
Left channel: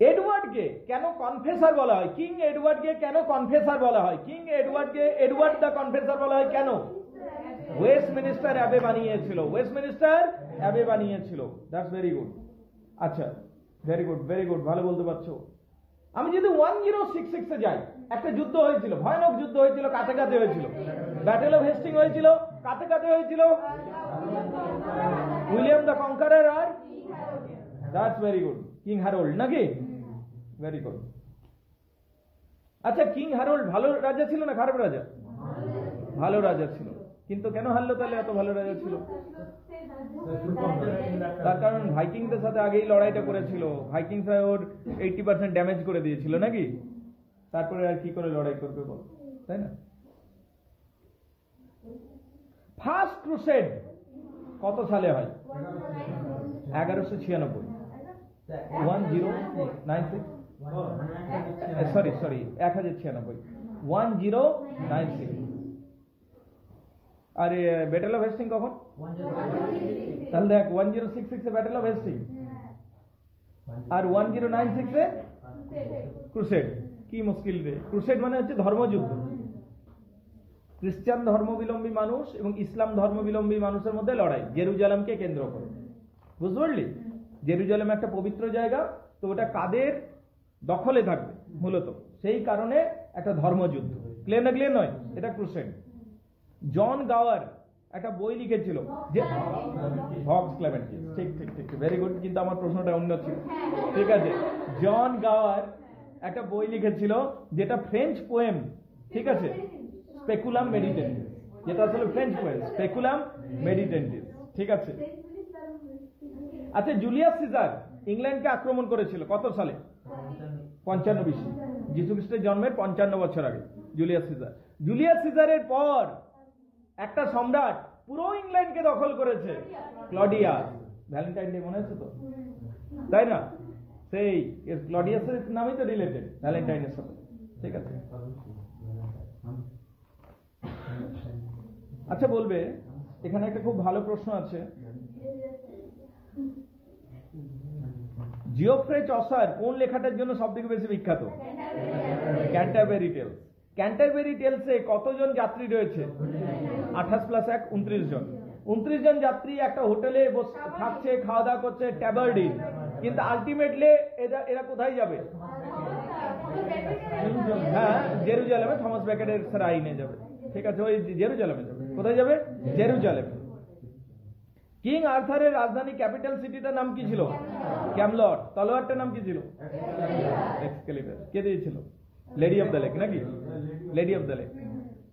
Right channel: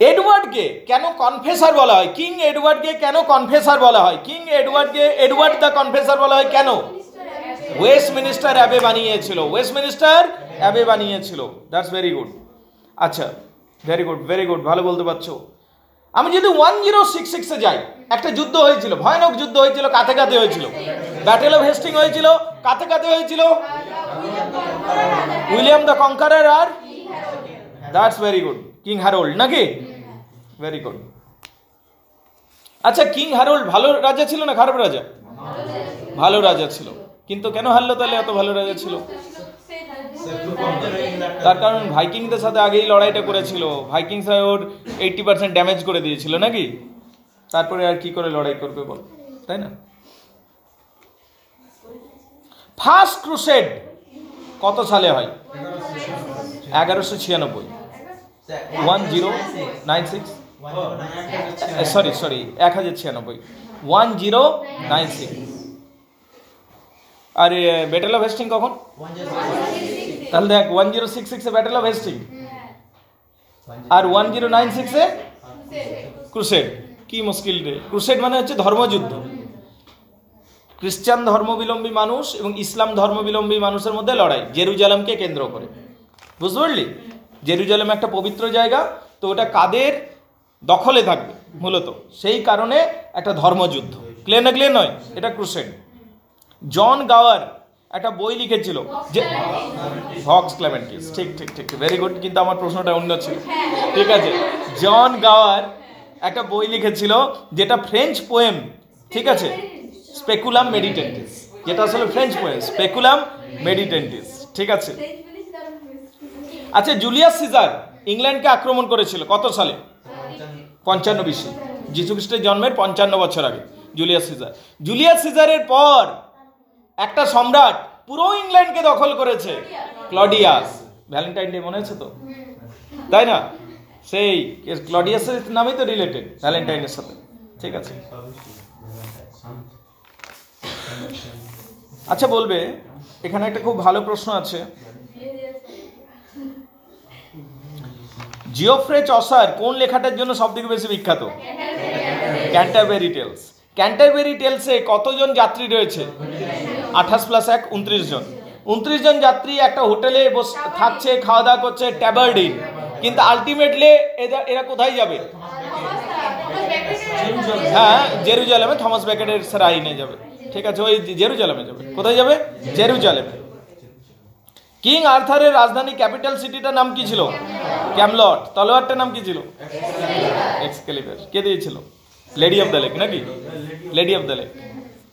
এডওয়ার্ডকে কেন কনফেসার বলা হয়? কিং এডওয়ার্ডকে কেন কনফেসার বলা হয়? কিং এডওয়ার্ডকে এডওয়ার্ড দ্য কনফেসার বলা হয় কেন? ওয়েস্টমিনিস্টার অ্যাবে বানিয়েছিল, ওয়েস্টমিনিস্টার অ্যাবে বানিয়েছিল। That's very good. আচ্ছা, ভেরি গুড, ভেরি গুড, ভালো বলতে পারছো। আমি যদি 1066-এ যাই, একটা যুদ্ধ হয়েছিল, ভয়ানক যুদ্ধ হয়েছিল, কাতে কাতে হয়েছিল। ব্যাটেল অফ হেস্টিং হয়েছিল, কাতে কাতে হয়েছিল উইলিয়াম দ্য কনকারার আর that's very good, king Harold, নাকি? Very good. আচ্ছা, কিং হ্যারোল্ড ভালো রাজা ছিল না খারাপ রাজা? ভালো রাজা ছিল, কিন্তু কেন হারলো তাহলে? এত ভালো রাজা ছিল। তার কারণ ভাইকিংদের সাথে আগেই লড়াইটা করেছিল, ভাইকিংসরা ওর 80% ড্যামেজ করে দিয়েছিল, নাকি? তারপরে আর কি করে লড়াই করবে বল, তাই না? ফার্স্ট ক্রুসেড কত সালে হয়? 1196। 1096, সরি 1096, 1096। আর ব্যাটেল অফ হেস্টিং কখন? তাহলে দেখ, 1066-এ ব্যাটেল অফ হেস্টিং আর 1096-এ ক্রুসেড। কি মুশকিল রে! ক্রুসেড মানে হচ্ছে ধর্মযুদ্ধ। খ্রিস্টান ধর্মাবলম্বী মানুষ এবং ইসলাম ধর্মাবলম্বী মানুষের মধ্যে লড়াই, জেরুজালেমকে কেন্দ্র করে। বুঝতে পারলি? জেরুজালেম একটা পবিত্র জায়গা, তো ওটা কাদের দখলে থাকবে মূলত, সেই কারণে একটা ধর্মযুদ্ধ। ক্লিয়ার না? ক্লিয়ার নয়? এটা ক্রুসেড। জন গাওয়ার একটা বই লিখেছিল যে ভক্স ক্লেমেন্টিস, ঠিক ঠিক ঠিক, ভেরি গুড, কিন্তু আমার প্রশ্নটা অন্য ছিল। ঠিক আছে, জন গাওয়ার একটা বই লিখেছিল যেটা ফ্রেঞ্চ পোয়েম, ঠিক আছে, স্পেকুলাম মেডিটেন্টিস, যেটা আসলে ফ্রেঞ্চ পোয়েম, স্পেকুলাম মেডিটেন্টিস, ঠিক আছে। আচ্ছা, জুলিয়াস সিজার ইংল্যান্ডকে আক্রমণ করেছিল কত সালে? 55 BC, যীশু খ্রিস্টের জন্মের 55 বছর আগে জুলিয়াস সিজারের পর একটা সম্রাট পুরো ইংল্যান্ডকে দখল করেছে, ক্লডিয়াস। ভ্যালেন্টাইন ডে মনে আছে তো, তাই না? সেই ক্লডিয়াসের নামই তো রিলেটেড ভ্যালেন্টাইনের সাথে, ঠিক আছে। আচ্ছা, বলবে, এখানে একটা খুব ভালো প্রশ্ন আছে, জিওফ্রে চসার কোন লেখাটার জন্য সবথেকে বেশি বিখ্যাত? Canterbury tales. ক্যান্টারবেরি টেলসে কতজন যাত্রী রয়েছে? 28 + 1 29 জন। 29 জন যাত্রী একটা হোটেলে থাকছে, খাওয়া দাওয়া করছে, ট্যাবার্ডিন। কিন্তু আলটিমেটলি এরা কোথায় যাবে? হ্যাঁ, জেরুজালেমে, থমাস বেকেটের সেরাইনে যাবে, ঠিক আছে, ওই জেরুজালেমে যাবে। কোথায় যাবে? জেরুজালেমে। কিং আর্থারের রাজধানী ক্যাপিটাল সিটিটার নাম কি ছিল? ক্যামলট। তলোয়ারটার নাম কি ছিল? এক্সকেলিবার। কে দিয়েছিল? লেডি অফ দ্য লেক, নাকি? Lady of the lake.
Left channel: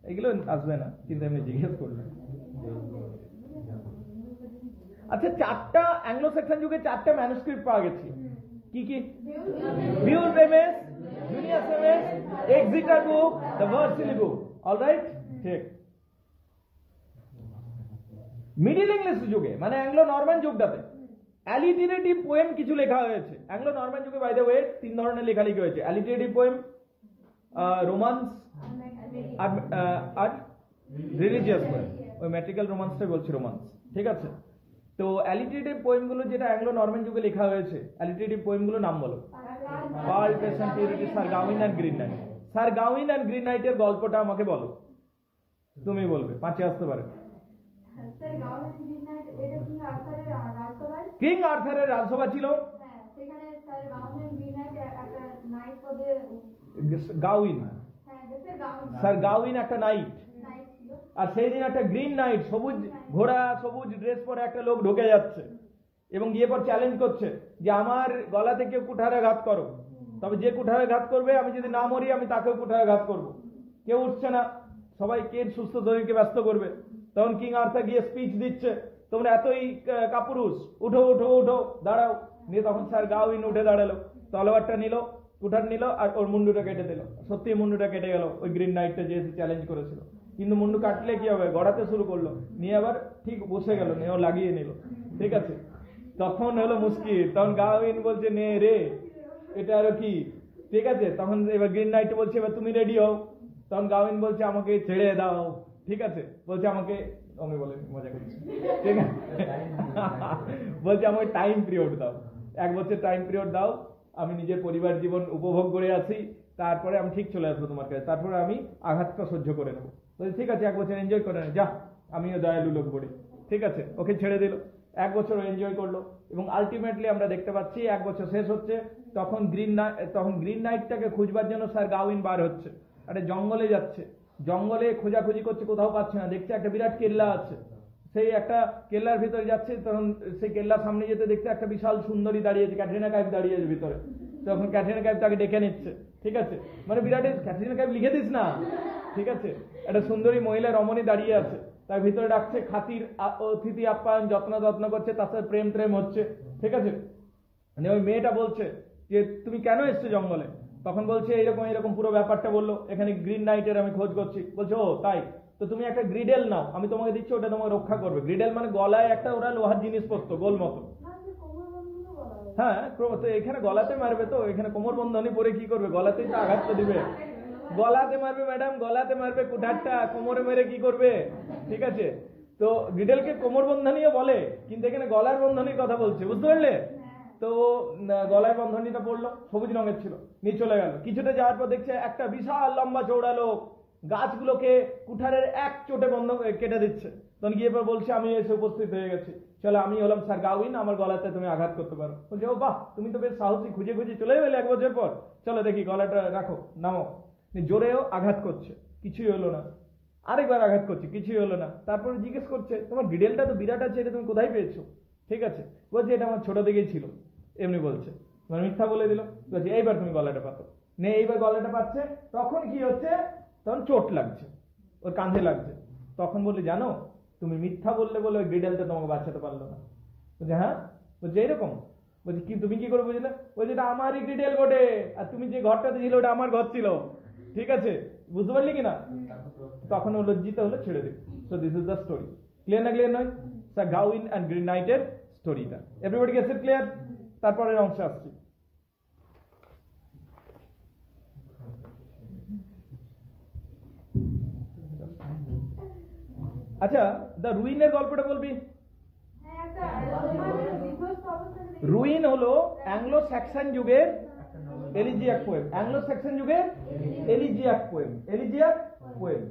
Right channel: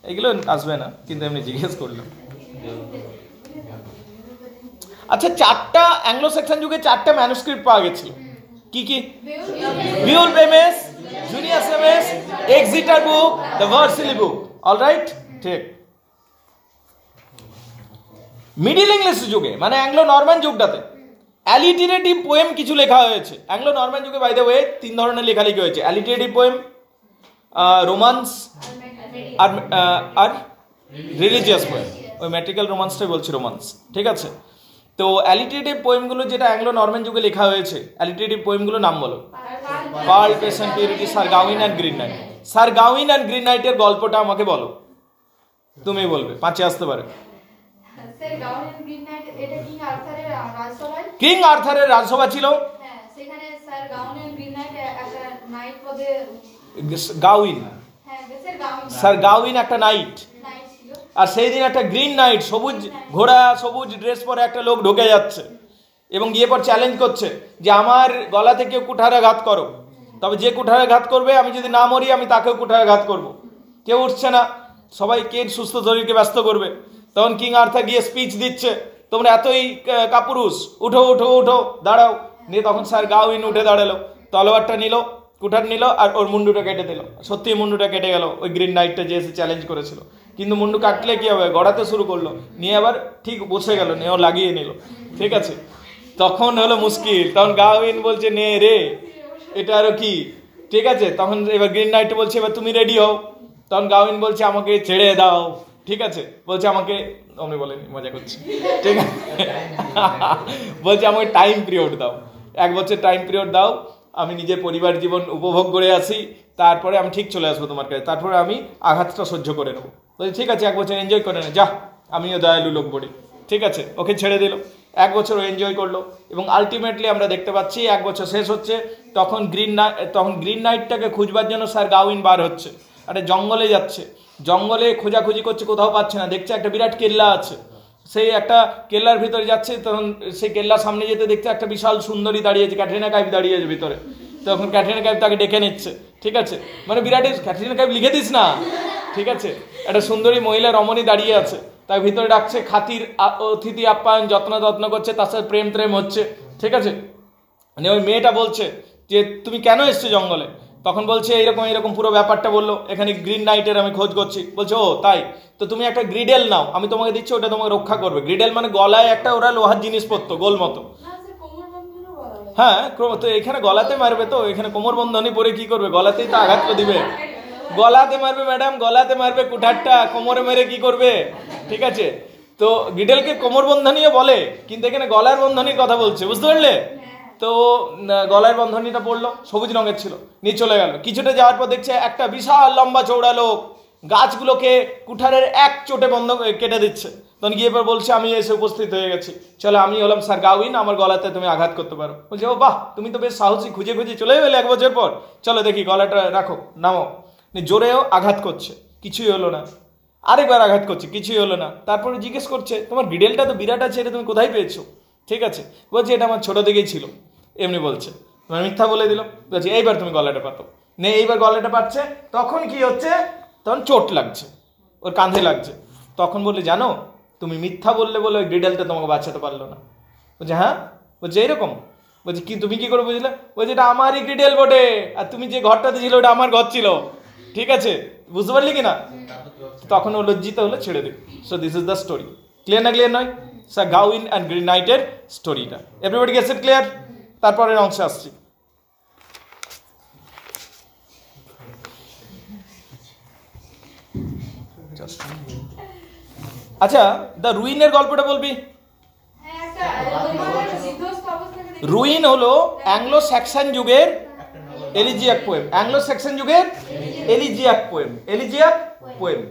এগুলো আসবে না, কিন্তু এমনি জিজ্ঞেস করলাম। আচ্ছা, 4টা অ্যাংলো সেকশন যুগে 4টা ম্যানুস্ক্রিপ্ট পাওয়া গেছিল। কি কি? বিউল বেমেস, Junius MS, Exeter book, the Vercelli book. Alright, ঠিক। মিডিল ইংলিশ যুগে, মানে অ্যাংলো নরম্যান যুগটাতে, অ্যালিটারেটিভ পোয়েম কিছু লেখা হয়েছে। অ্যাংলো নরম্যান যুগে, বাই দ্য ওয়ে, 3 ধরনের লেখালেখি হয়েছে: অ্যালিটারেটিভ পোয়েম, রোমান্স, আর রিলিজিয়াস পোয়েম। ওই ম্যাট্রিক্যাল রোমান্সটাই বলছি, রোমান্স, ঠিক আছে। তো অ্যালিটেটিভ পোয়েমগুলো যেটা অ্যাংলো নরম্যান যুগে লেখা হয়েছে, অ্যালিটেটিভ পোয়েমগুলো নাম বলো। Pearl, Patience, Purity, Sir Gawain and Green Knight. Sir Gawain and Green নাইটের গল্পটা আমাকে বলো, তুমি বলবে, পাঁচে আসতে পারে। কিং আর্থারের রাজসভা ছিল, গাউইন, স্যার গাউইন একটা নাইট, আর সেই দিন একটা গ্রিন নাইট, সবুজ ঘোড়া সবুজ ড্রেস পরে একটা লোক ঢুকে যাচ্ছে এবং গিয়ে পর চ্যালেঞ্জ করছে যে আমার গলাতে কেউ কুঠারাঘাত করো, তবে যে কুঠারাঘাত করবে আমি যদি না মরি আমি তাকেও কুঠারাঘাত করব। কেউ উঠছে না, সবাই কে সুস্থ শরীরকে ব্যস্ত করবে। তখন কিং আর্থার গিয়ে স্পিচ দিচ্ছে, তোমরা এতই কাপুরুষ, উঠো উঠো উঠো, দাঁড়াও। নিয়ে তখন স্যার গাউইন উঠে দাঁড়ালো, তলোয়ারটা নিল, কুঠার নিল আর ওর মুন্ডুটা কেটে দিল। সত্যি মুন্ডুটা কেটে গেল ওই গ্রিন নাইটটা যে এসে চ্যালেঞ্জ করেছিল। কিন্তু মুন্ডু কাটলে কি হবে, গড়াতে শুরু করলো, নিয়ে আবার ঠিক বসে গেল, নিয়ে ও লাগিয়ে নিল। ঠিক আছে, তখন হলো মুশকিল। তখন গাউইন বলছে নে রে, এটা আরো কি। ঠিক আছে, তখন এবার গ্রিন নাইট বলছে এবার তুমি রেডি হও। তখন গাউইন বলছে আমাকে ছেড়ে দাও। ঠিক আছে, বলছে আমাকে, আমি বলেনি, মজা করছি। ঠিক আছে, বলছে আমাকে টাইম পিরিয়ড দাও, 1 বছর টাইম পিরিয়ড দাও, আমি নিজের পরিবার জীবন উপভোগ করে আসি, তারপরে আমি ঠিক চলে আসবো তোমার কাছে, তারপরে আমি আঘাতটা সহ্য করে নেবো। বলছি ঠিক আছে, 1 বছর এনজয় করে নে, যা, আমিও দয়ালু লোক বলি। ঠিক আছে, ওকে ছেড়ে দিল। 1 বছর ও এনজয় করলো এবং আলটিমেটলি আমরা দেখতে পাচ্ছি 1 বছর শেষ হচ্ছে, তখন গ্রিন নাইটটাকে খুঁজবার জন্য স্যার গাউইন বার হচ্ছে, একটা জঙ্গলে যাচ্ছে, জঙ্গলে খোঁজাখুঁজি করছে, কোথাও পাচ্ছে না, দেখছে একটা বিরাট কেল্লা আছে, সেই একটা কেল্লার ভিতরে যাচ্ছে। তখন সেই কেল্লার সামনে যেতে দেখতে একটা বিশাল সুন্দরী দাঁড়িয়েছে, ক্যাটরিনা কাইফ দাঁড়িয়েছে ভিতরে। তখন ক্যাটরিনা কাইফ তাকে ডেকে নিচ্ছে। ঠিক আছে, মানে বিরাট, ক্যাটরিনা কাইফ লিখে দিস না। ঠিক আছে, একটা সুন্দরী মহিলা রমণী দাঁড়িয়ে আছে, তার ভিতরে ডাকছে, খাতির অতিথি আপ্যায়ন যত্ন করছে, তার সাথে প্রেম হচ্ছে। ঠিক আছে, মানে ওই মেয়েটা বলছে যে তুমি কেন এসছো জঙ্গলে? তখন বলছে এইরকম পুরো ব্যাপারটা বললো, এখানে গ্রিন নাইটের আমি খোঁজ করছি। বলছে ও তাই, তো তুমি একটা গ্রিডেল নাও, আমি তোমাকে দিচ্ছি, ওটা তোমাকে রক্ষা করবে। গ্রিডেল মানে গলায় একটা ওরা লোহার জিনিস পরতো গোল মতো। হ্যাঁ, তো এখানে গলাতে মারবে, তো এখানে কোমর বন্ধনী পরে কি করবে, গলাতেই তো আঘাত করে দিবে। গলাতে মারবে ম্যাডাম, গলাতে মারবে, কুঠারটা কোমরে মেরে কি করবে। ঠিক আছে, তো গ্রিডেলকে কোমর বন্ধনীও বলে, কিন্তু এখানে গলার বন্ধনীর কথা বলছে, বুঝতে পারলে? তো গলার বন্ধনীটা পড়লো, সবুজ রঙের ছিল, নিয়ে চলে গেল। কিছুটা যাওয়ার পর দেখছে একটা বিশাল লম্বা চৌড়া লোক গাছগুলোকে কুঠারের এক চোটে বন্ধ কেটে দিচ্ছে। তখন গিয়ে এবার বলছে আমি এসে উপস্থিত হয়ে গেছি, চলো আমি হলাম স্যার গাউইন, আমার গলাতে তুমি আঘাত করতে পারো। বলছে ও বাহ, তুমি তো বেশ সাহসী, খুঁজে চলে গেলে 1 বছর পর, চলো দেখি, গলাটা রাখো, নামো। জোরেও আঘাত করছে, কিছুই হলো না। আরেকবার আঘাত করছে, কিছুই হলো না। তারপরে জিজ্ঞেস করছে তোমার গ্রিডেলটা তো বিরাট আছে, এটা তুমি কোথায় পেয়েছো? ঠিক আছে, বলছে এটা আমার ছোট থেকেই ছিল, এমনি বলছে, তোমার মিথ্যা বলে দিল। বলছে এইবার তুমি গলাটা পাতো, নে। এইবার গলাটা পাচ্ছে, তখন কি হচ্ছে, তখন চোট লাগছে, ওর কাঁধে লাগছে। তখন বললে জানো, তুমি মিথ্যা বললে বলে ওই গ্রিডেলটা তোমাকে বাঁচাতে পারলো না। বলছে হ্যাঁ, বলছে এইরকম। বলছে কি, তুমি কি করে বুঝলে? বলছে এটা আমারই গ্রিডেল বটে, আর তুমি যে ঘরটাতে ছিল ওটা আমার ঘর ছিল। ঠিক আছে, বুঝতে পারলি কিনা? তখন ও লজ্জিত হলে ছেড়ে দিল। So this is the story. Clear না ক্লিয়ার নয়? স্যার গাউইন অ্যান্ড গ্রিন নাইটের স্টোরিটা। Everybody gets it clear? তারপরের অংশে আসছি। আচ্ছা, দ্য রুইনের গল্পটা বলবি? রুইন হলো অ্যাংলো স্যাক্সন যুগের এলিজিয়াক পোয়েম, অ্যাংলো স্যাক্সন যুগের এলিজিয়াক পোয়েম, এলিজিয়াক পোয়েম।